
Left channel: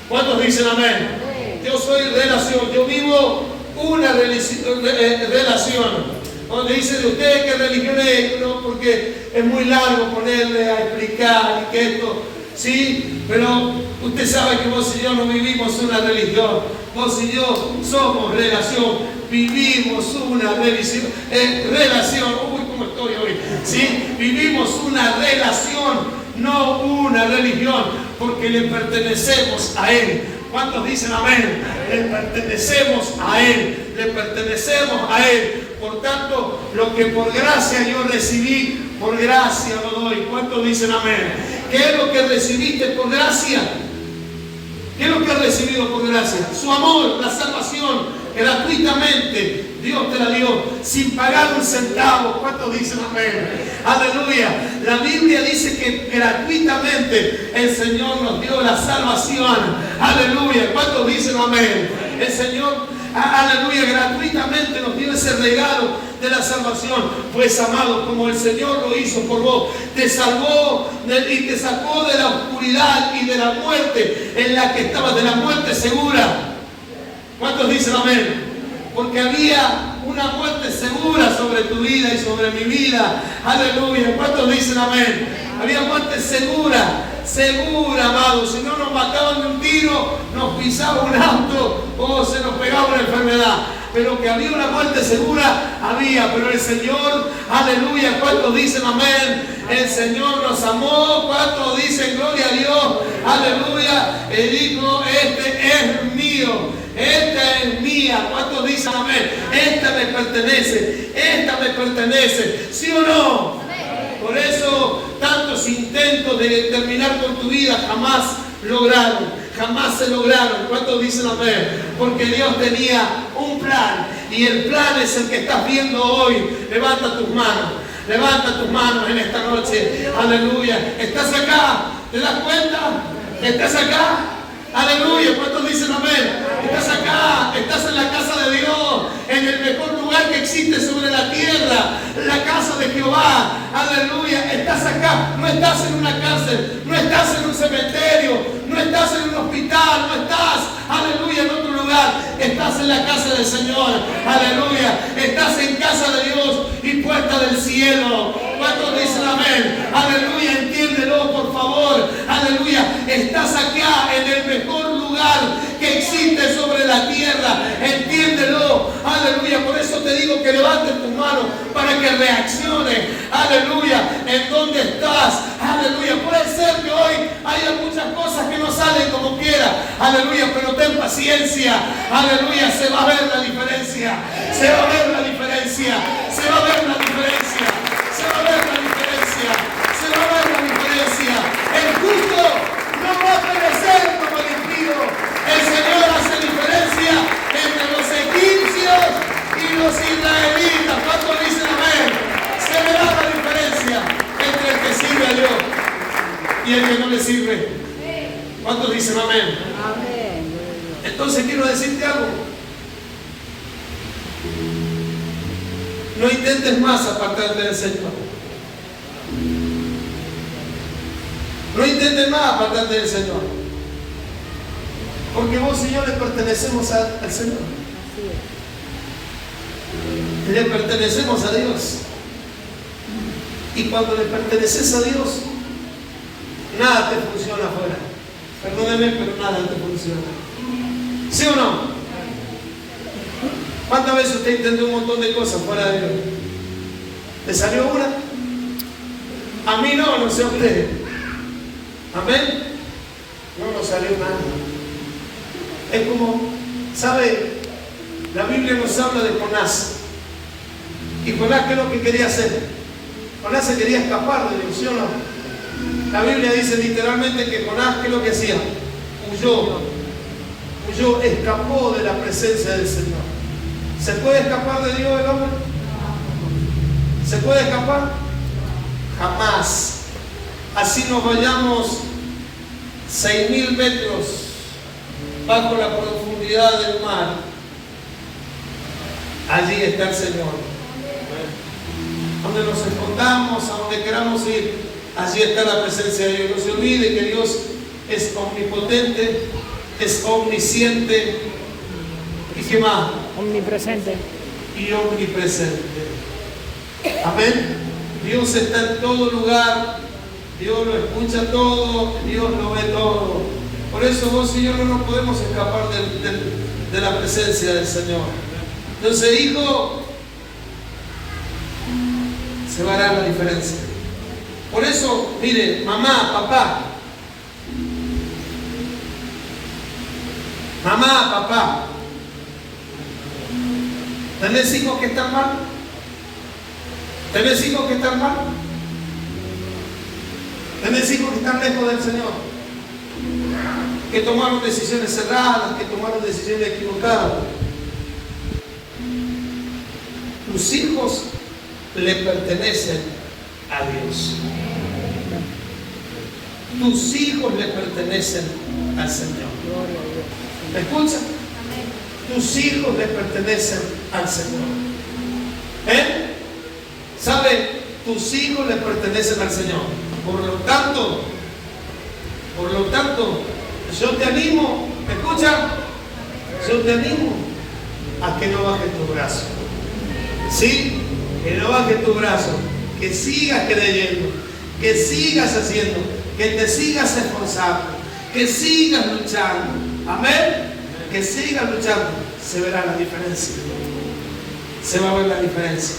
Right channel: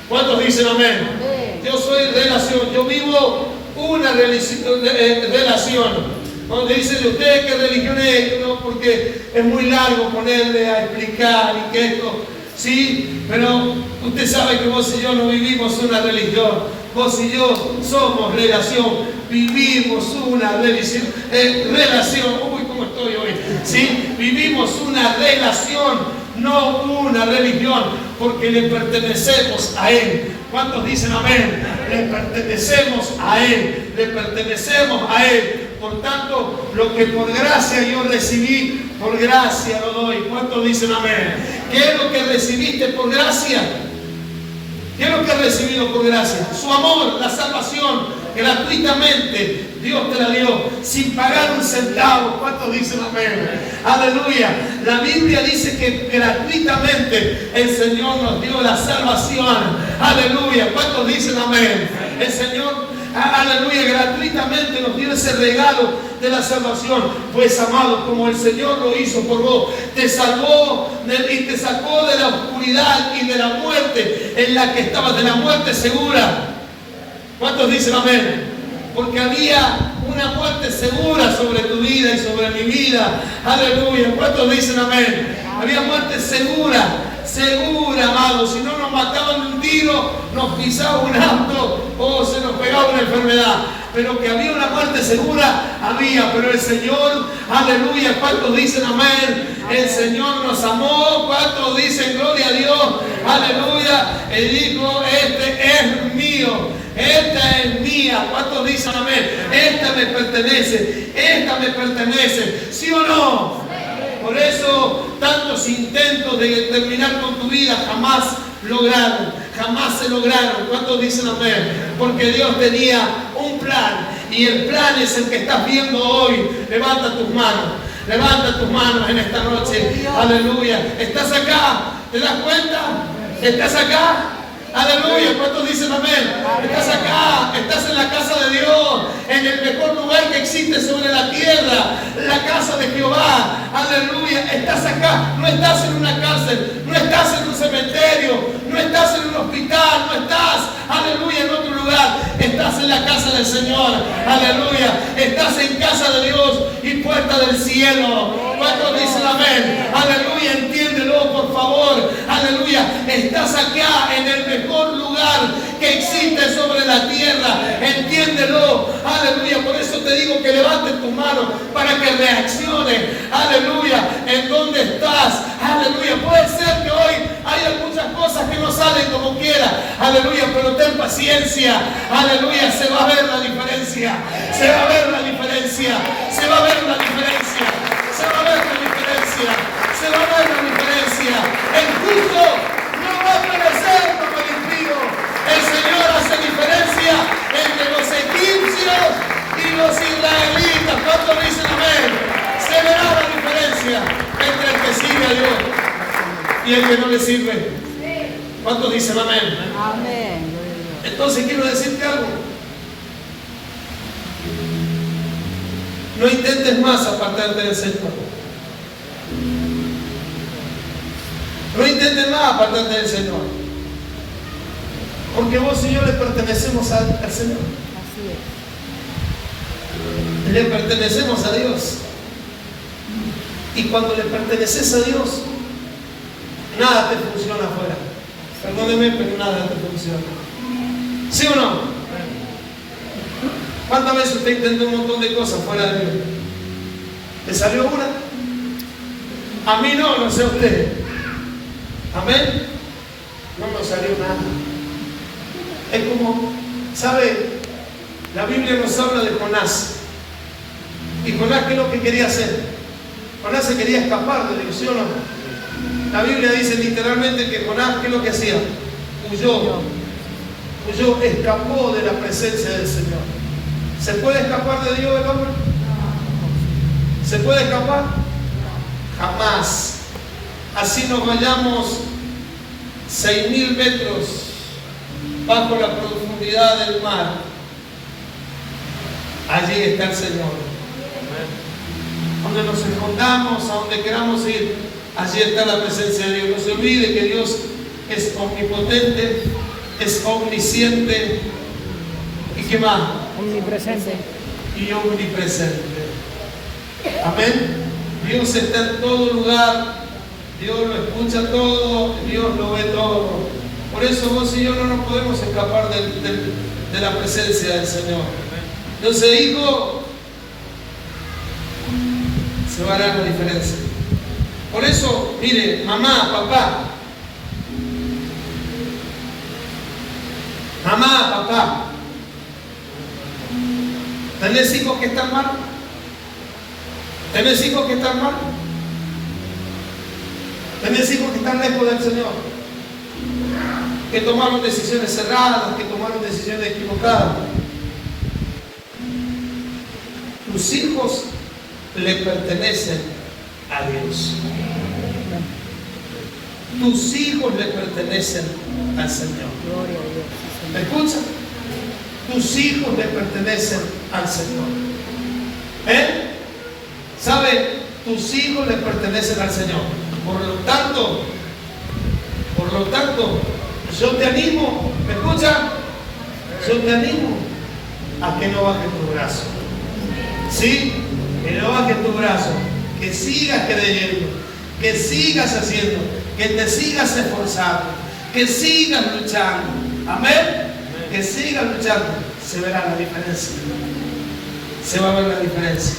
¿Cuántos dicen amén? Yo soy relación. Yo vivo una relación. Donde dice de usted qué religión es, no, porque es muy largo ponerle a explicar y que esto, sí, pero usted sabe que vos y yo no vivimos una religión, vos y yo somos relación, vivimos una relación, uy, ¿cómo estoy hoy? Sí, vivimos una relación, no una religión, porque le pertenecemos a Él. ¿Cuántos dicen amén? Le pertenecemos a Él, le pertenecemos a Él. Por tanto, lo que por gracia yo recibí, por gracia lo doy. ¿Cuántos dicen amén? ¿Qué es lo que recibiste por gracia? ¿Qué es lo que has recibido por gracia? Su amor, la salvación, gratuitamente Dios te la dio, sin pagar un centavo. ¿Cuántos dicen amén? Aleluya. La Biblia dice que gratuitamente el Señor nos dio la salvación. Aleluya. ¿Cuántos dicen amén? El Señor, aleluya, gratuitamente nos dio ese regalo de la salvación. Pues amado, como el Señor lo hizo por vos, te salvó y te sacó de la oscuridad y de la muerte en la que estabas, de la muerte segura. ¿Cuántos dicen amén? Porque había una muerte segura sobre tu vida y sobre mi vida. Aleluya. ¿Cuántos dicen amén? Había muerte segura, segura, amado. Si no nos mataban de un tiro, nos pisaba un auto o se nos pegaba una enfermedad. Pero que había una muerte segura, había. Pero el Señor, aleluya, ¿cuántos dicen amén? El Señor nos amó. ¿Cuántos dicen gloria a Dios? Aleluya. Él dijo, este es mío. Esta es mía. ¿Cuántos dicen amén? Esta me pertenece. Esta me pertenece. ¿Sí o no? Por eso tantos intentos de terminar con tu vida jamás lograron. Jamás se lograron. ¿Cuántos dicen amén? Porque Dios tenía un plan. Y el plan es el que estás viendo hoy. Levanta tus manos. Levanta tus manos en esta noche. Aleluya. ¿Estás acá? ¿Te das cuenta? ¿Estás acá? Aleluya, ¿cuántos dicen amén? Estás acá, estás en la casa de Dios, en el mejor lugar que existe sobre la tierra, la casa de Jehová. Aleluya, estás acá, no estás en una cárcel, no estás en un cementerio, no estás en un hospital, no estás, aleluya, en otro lugar, estás en la casa del Señor. Aleluya, estás en casa de Dios y puerta del cielo. ¿Cuántos dicen amén? Aleluya, entiéndelo por favor. Aleluya, estás acá en el mejor lugar que existe sobre la tierra. Entiéndelo. Aleluya, por eso eso te digo que levantes tus manos para que reacciones. Aleluya. ¿En dónde estás? Aleluya. Puede ser que hoy haya muchas cosas que no salen como quiera. Aleluya. Pero ten paciencia. Aleluya. Se va a ver la diferencia. Se va a ver la diferencia. Se va a ver la diferencia. Se va a ver la diferencia. Se va a ver la diferencia. El justo no va a perecer como el impío. El Señor hace diferencia entre los egipcios y los israelitas. ¿Cuántos dicen amén? Se verá la diferencia entre el que sirve a Dios y el que no le sirve. ¿Cuántos dicen amén? Amén. Entonces quiero decirte algo. No intentes más apartarte del Señor. No intentes más apartarte del Señor. Porque vos y yo le pertenecemos al Señor. Así es. Le pertenecemos a Dios. Y cuando le perteneces a Dios, nada te funciona afuera. Perdóneme, pero nada te funciona. ¿Sí o no? ¿Cuántas veces usted intentó un montón de cosas fuera de Dios? ¿Le salió una? A mí no, no sé a usted. Amén. No nos salió nada. Es como, ¿sabe? La Biblia nos habla de Jonás. ¿Y Jonás qué es lo que quería hacer? Jonás se quería escapar de Dios, ¿sí o no? La Biblia dice literalmente que Jonás, ¿qué es lo que hacía? Huyó, escapó de la presencia del Señor. ¿Se puede escapar de Dios el hombre? ¿Se puede escapar? Jamás. Así nos vayamos 6.000 metros bajo la profundidad del mar. Allí está el Señor. Donde nos escondamos, a donde queramos ir, allí está la presencia de Dios. No se olvide que Dios es omnipotente, es omnisciente y ¿qué más? Omnipresente. Y omnipresente. Amén. Dios está en todo lugar, Dios lo escucha todo, Dios lo ve todo. Por eso vos y yo no nos podemos escapar de la presencia del Señor. Entonces, hijo, se va a dar la diferencia. Por eso, mire, mamá, papá, ¿tenés hijos que están mal? ¿Tenés hijos que están mal? ¿Tenés hijos que están lejos del Señor? Que tomaron decisiones cerradas, que tomaron decisiones equivocadas. Tus hijos le pertenecen a Dios. Tus hijos le pertenecen al Señor. ¿Me escuchan? Tus hijos le pertenecen al Señor. ¿Sabe? Tus hijos le pertenecen al Señor. Por lo tanto, yo te animo, ¿me escuchan? Yo te animo a que no bajes tu brazo. ¿Sí? Que no bajes tu brazo. Que sigas creyendo. Que sigas haciendo. Que te sigas esforzando. Que sigas luchando. Amén. Que sigas luchando. Se verá la diferencia. Se va a ver la diferencia.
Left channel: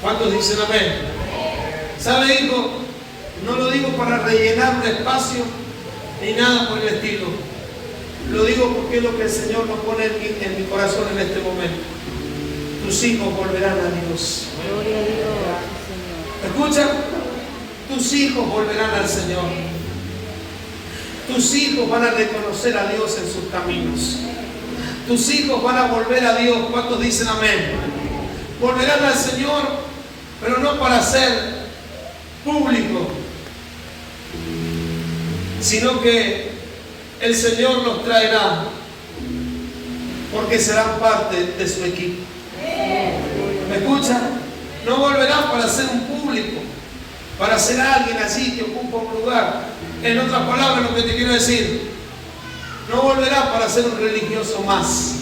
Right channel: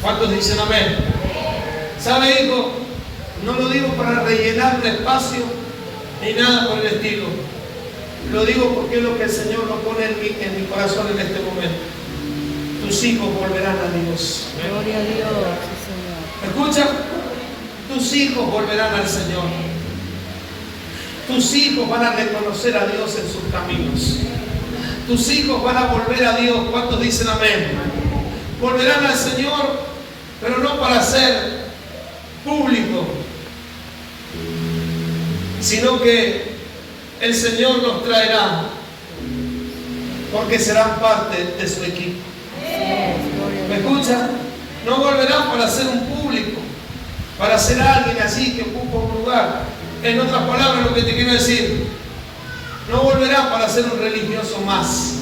¿Cuántos dicen amén? ¿Sabe, hijo? No lo digo para rellenar un espacio ni nada por el estilo. Lo digo porque es lo que el Señor nos pone en mi corazón en este momento. Tus hijos volverán a Dios. Gloria a Dios. ¿Escuchan? Tus hijos volverán al Señor. Tus hijos van a reconocer a Dios en sus caminos. Tus hijos van a volver a Dios. ¿Cuántos dicen amén? Volverán al Señor, pero no para ser público, sino que el Señor los traerá porque serán parte de su equipo. ¿Me escuchan? No volverán para ser un público, para ser alguien así que ocupa un lugar. En otras palabras, lo que te quiero decir, no volverán para ser un religioso más,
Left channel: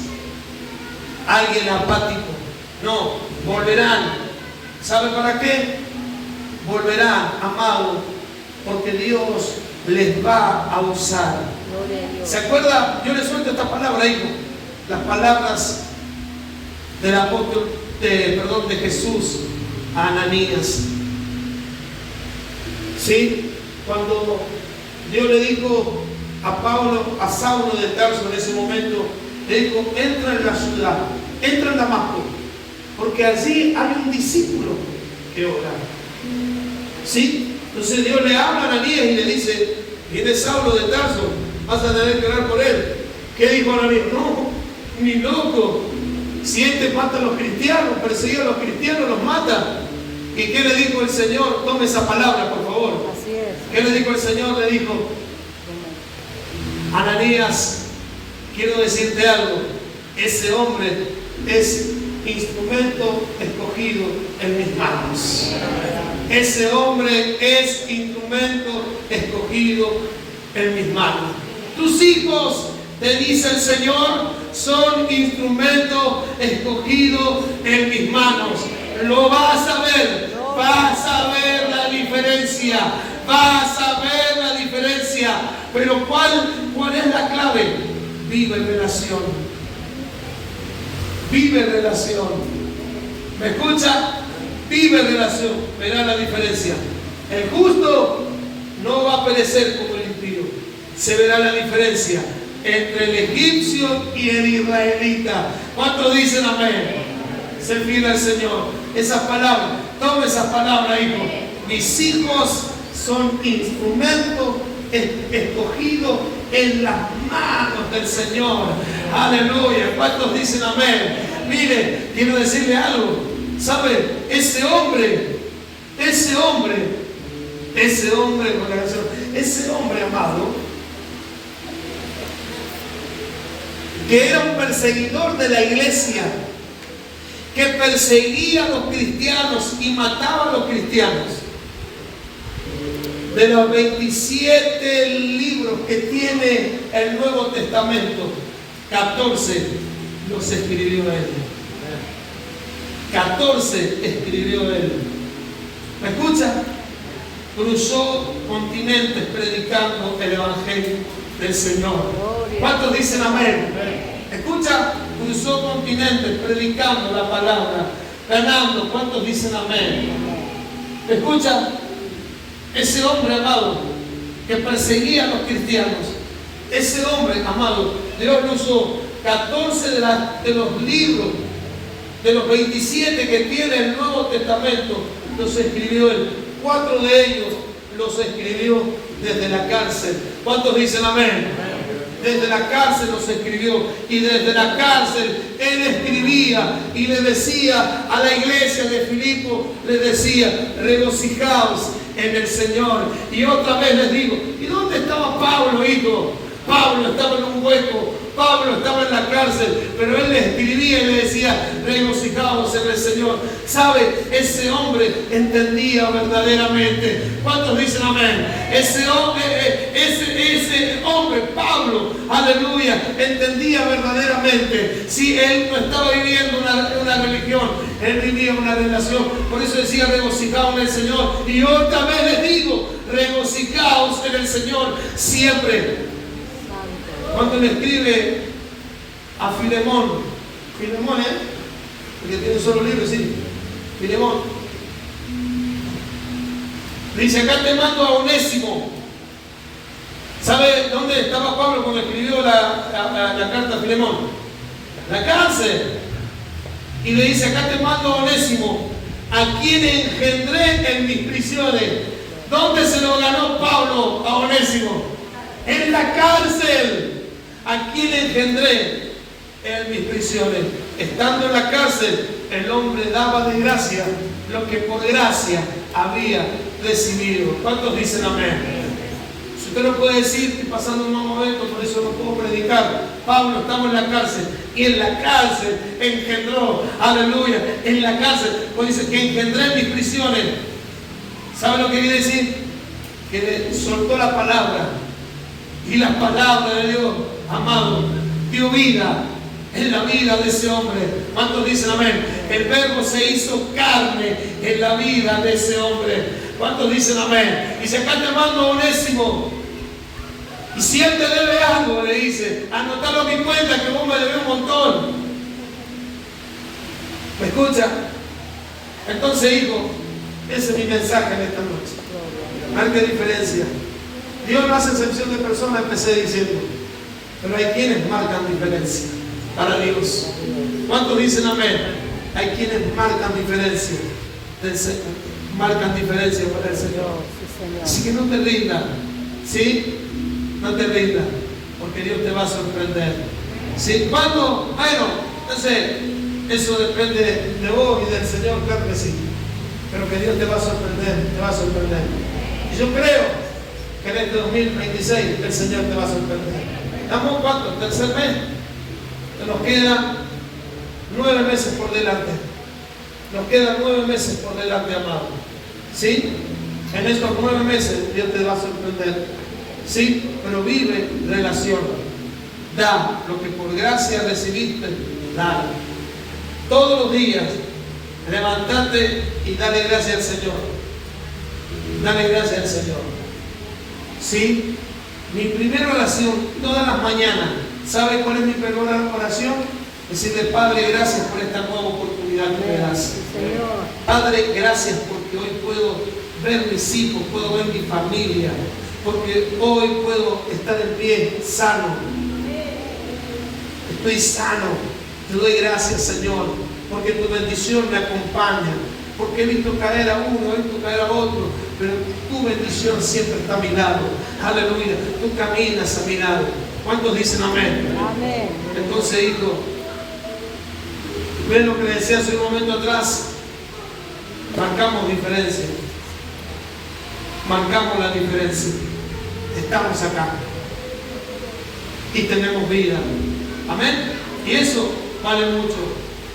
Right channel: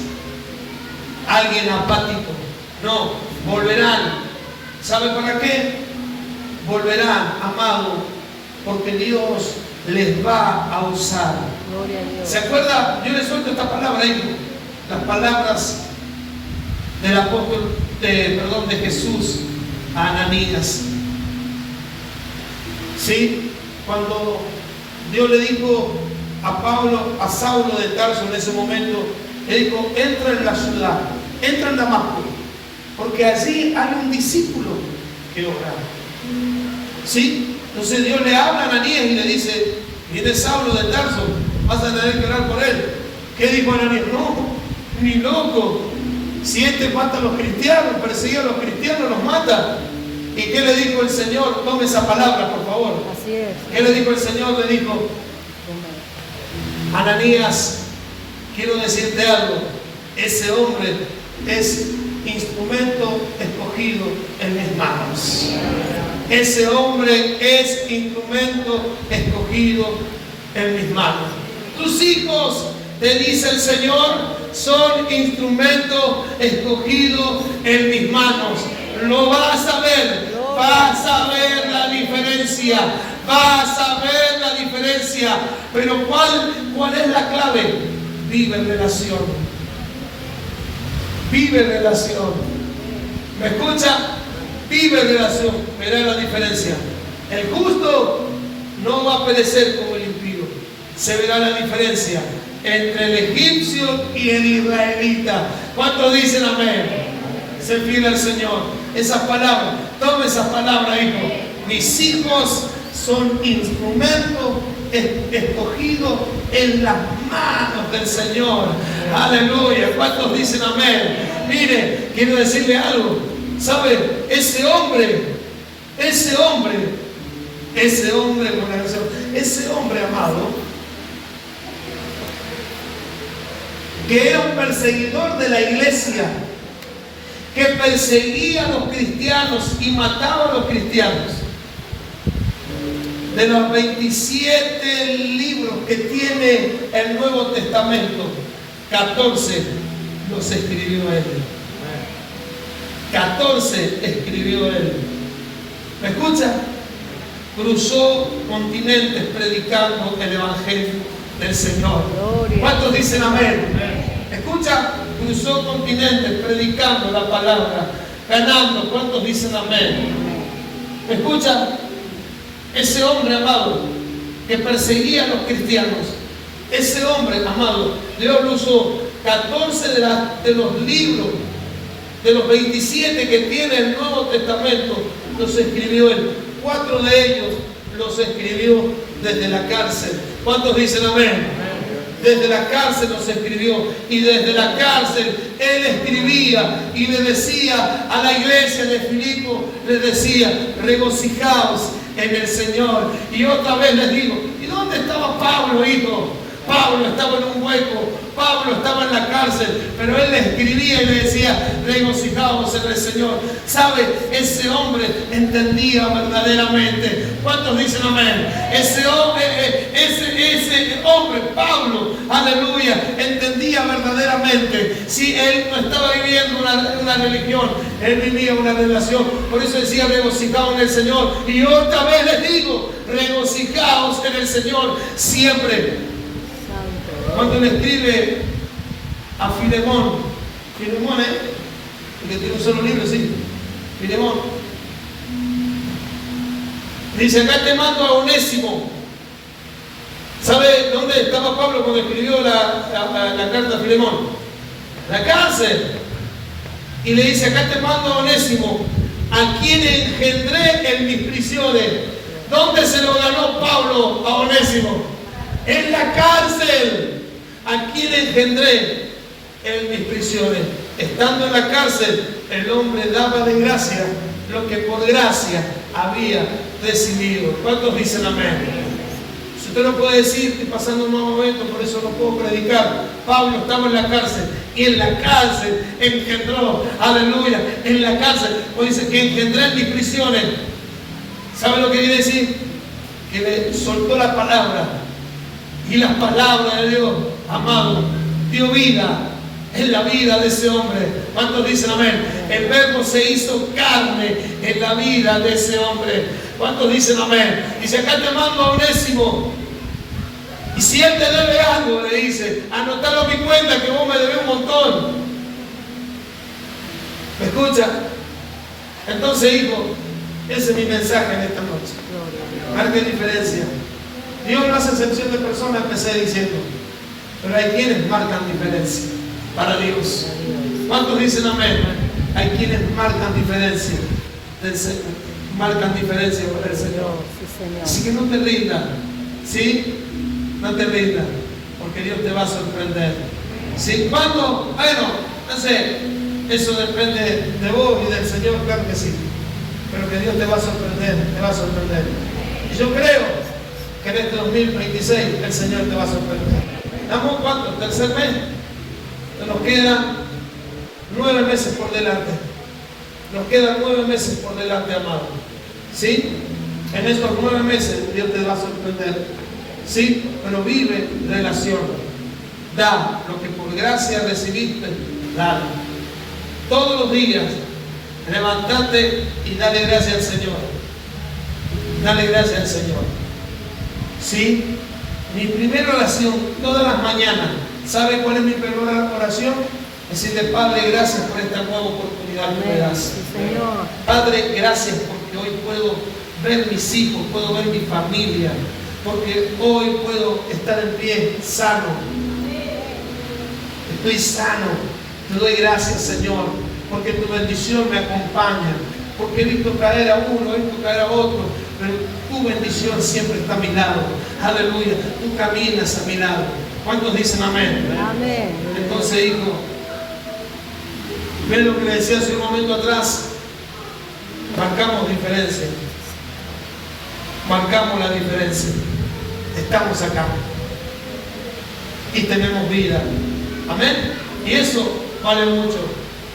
alguien apático. No, volverán. ¿Sabe para qué? Volverán, amado, porque Dios les va a usar. ¿Se acuerda? Yo le suelto esta palabra, hijo. Las palabras del apóstol, de Jesús a Ananías. ¿Sí? Cuando Dios le dijo a Saulo de Tarso en ese momento, le dijo, entra en la ciudad, entra en Damasco, porque allí hay un discípulo que ora. ¿Sí? Entonces Dios le habla a Ananías y le dice, viene Saulo de Tarso, vas a tener que orar por él. ¿Qué dijo Ananías? No, ni loco. Si este mata a los cristianos, persigue a los cristianos, los mata. ¿Y qué le dijo el Señor? Tome esa palabra, por favor. Así es. ¿Qué le dijo el Señor? Le dijo, Ananías, quiero decirte algo. Ese hombre es instrumento escogido en mis manos. Ese hombre es instrumento escogido en mis manos. Tus hijos, te dice el Señor, son instrumento escogido en mis manos. Lo vas a ver, vas a ver la diferencia, vas a ver la diferencia. Pero ¿cuál es la clave? Vive relación. Vive relación. ¿Me escucha? Vive relación. Verá la diferencia. El justo no va a perecer como el impío. Se verá la diferencia entre el egipcio y el israelita. ¿Cuántos dicen amén? Se fiel al Señor. Esas palabras, tome esas palabras, hijo. Mis hijos son instrumentos escogidos en las manos del Señor. Aleluya. ¿Cuántos dicen amén? Mire, quiero decirle algo. ¿Sabe? Ese hombre, amado, que era un perseguidor de la iglesia, que perseguía a los cristianos y mataba a los cristianos. De los 27 libros que tiene el Nuevo Testamento, 14 los escribió él. 14 escribió él. ¿Me escucha? Cruzó continentes predicando el Evangelio del Señor. ¿Cuántos dicen amén? ¿Escucha? Cruzó continentes predicando la palabra, ganando. ¿Cuántos dicen amén? ¿Escucha? Ese hombre, amado, que perseguía a los cristianos, ese hombre, amado, Dios lo usó. 14 de los libros, de los 27 que tiene el Nuevo Testamento, los escribió él. 4 de ellos los escribió desde la cárcel. ¿Cuántos dicen amén? Desde la cárcel los escribió, y desde la cárcel él escribía y le decía a la iglesia de Filipo, le decía, regocijaos en el Señor. Y otra vez les digo, ¿y dónde estaba Pablo, hijo? Pablo estaba en un hueco, Pablo estaba en la cárcel, pero él le escribía y le decía, regocijaos en el Señor. ¿Sabe? Ese hombre entendía verdaderamente. ¿Cuántos dicen amén? Ese hombre, Pablo, aleluya, entendía verdaderamente. Si él no estaba viviendo una religión, él vivía una relación. Por eso decía, regocijaos en el Señor. Y otra vez les digo, regocijaos en el Señor siempre. Cuando le escribe a Filemón, porque tiene un solo libro, sí, Filemón, dice, acá te mando a Onésimo. ¿Sabe dónde estaba Pablo cuando escribió la carta a Filemón? En la cárcel. Y le dice, acá te mando a Onésimo, a quien engendré en mis prisiones. ¿Dónde se lo ganó Pablo a Onésimo? En la cárcel. ¿A quién engendré en mis prisiones? Estando en la cárcel, el hombre daba de gracia lo que por gracia había recibido. ¿Cuántos dicen amén? Si usted no puede decir, estoy pasando un mal momento, por eso no puedo predicar. Pablo estaba en la cárcel y en la cárcel engendró, aleluya, en la cárcel. O dice que engendré en mis prisiones. ¿Sabe lo que quiere decir? Que le soltó la palabra. Y la palabra de Dios, amado, dio vida en la vida de ese hombre. ¿Cuántos dicen amén? El verbo se hizo carne en la vida de ese hombre. ¿Cuántos dicen amén? Dice, acá te mando a Onésimo. Y si él te debe algo, le dice, anotalo a mi cuenta que vos me debes un montón. Escucha. Entonces, hijo, ese es mi mensaje en esta noche. Marque diferencia. Dios no hace excepción de personas, empecé diciendo. Pero hay quienes marcan diferencia para Dios. ¿Cuántos dicen amén? Hay quienes marcan diferencia. Marcan diferencia para el Señor. Así que no te rindas. ¿Sí? No te rindas. Porque Dios te va a sorprender. ¿Sí? ¿Cuándo? Bueno, entonces, eso depende de vos y del Señor, claro que sí. Pero que Dios te va a sorprender, te va a sorprender. Y yo creo que en este 2026 el Señor te va a sorprender. ¿Estamos cuánto? ¿Tercer mes? Nos quedan 9 meses por delante. Nos quedan 9 meses por delante, amado. ¿Sí? En estos 9 meses Dios te va a sorprender. ¿Sí? Pero vive relación. Da lo que por gracia recibiste, dale. Todos los días, levántate y dale gracias al Señor. Dale gracias al Señor. ¿Sí? Mi primera oración, todas las mañanas, ¿sabe cuál es mi primera oración? Decirle, Padre, gracias por esta nueva oportunidad que me das. Padre, gracias porque hoy puedo ver mis hijos, puedo ver mi familia, porque hoy puedo estar en pie sano. Estoy sano. Te doy gracias, Señor, porque tu bendición me acompaña. Porque he visto caer a uno, he visto caer a otro, pero tu bendición siempre está a mi lado. Aleluya. Tú caminas a mi lado. ¿Cuántos dicen amén? Amén. Entonces, hijo, ven lo que le decía hace un momento atrás. Marcamos diferencia. Marcamos la diferencia. Estamos acá. Y tenemos vida. Amén. Y eso vale mucho.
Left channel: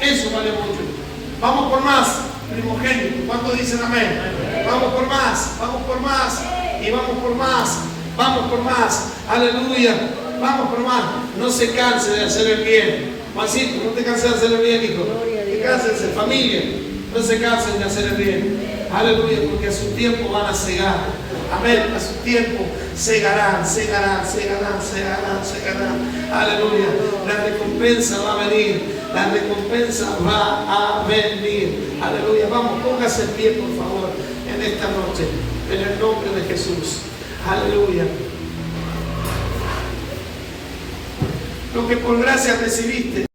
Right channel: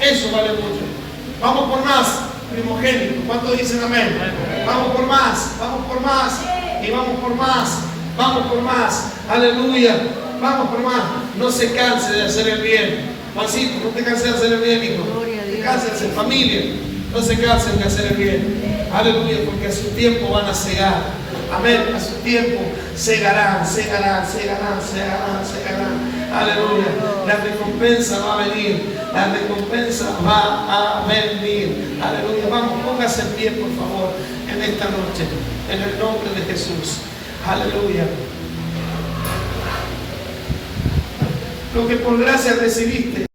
Eso vale mucho. Vamos por más, primogénito. ¿Cuántos dicen amén? Vamos por más. Vamos por más. Y vamos por más. Vamos por más. Aleluya. Vamos por más. No se canse de hacer el bien. Juancito, no te canses de hacer el bien, hijo. Te canses de hacer familia. No se cansen de hacer el bien. Aleluya, porque a su tiempo van a cegar. Amén. A su tiempo segarán. Aleluya. La recompensa va a venir. La recompensa va a venir. Aleluya. Vamos, póngase en pie, por favor, en esta noche. En el nombre de Jesús. Aleluya. Lo que por gracia recibiste.